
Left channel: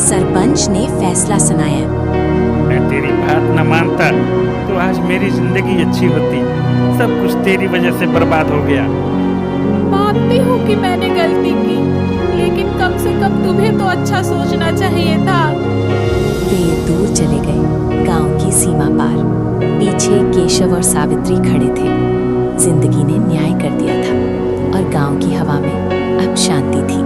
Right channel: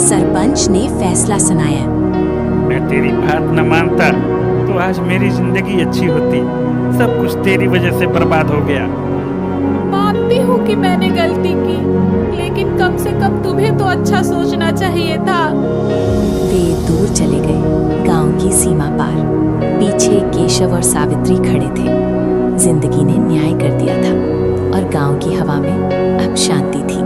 सरपंच ने फैसला सुनाया। मैं तेरी बात न मानता तो आज मेरी जिंदगी अच्छी होती। सब कुछ तेरी वजह से बर्बाद हो गया। मानती हूँ कि मैंने गलती की, लेकिन कम से कम तुम्हें तो अच्छा सोचना चाहिए था। वे दूर चले गए, गांव की सीमा पार। पीछे केशव और सावित्री खड़े थे। जिंदगी ने न्याय कर दिया था और गांव की हवा में अब शांति थी।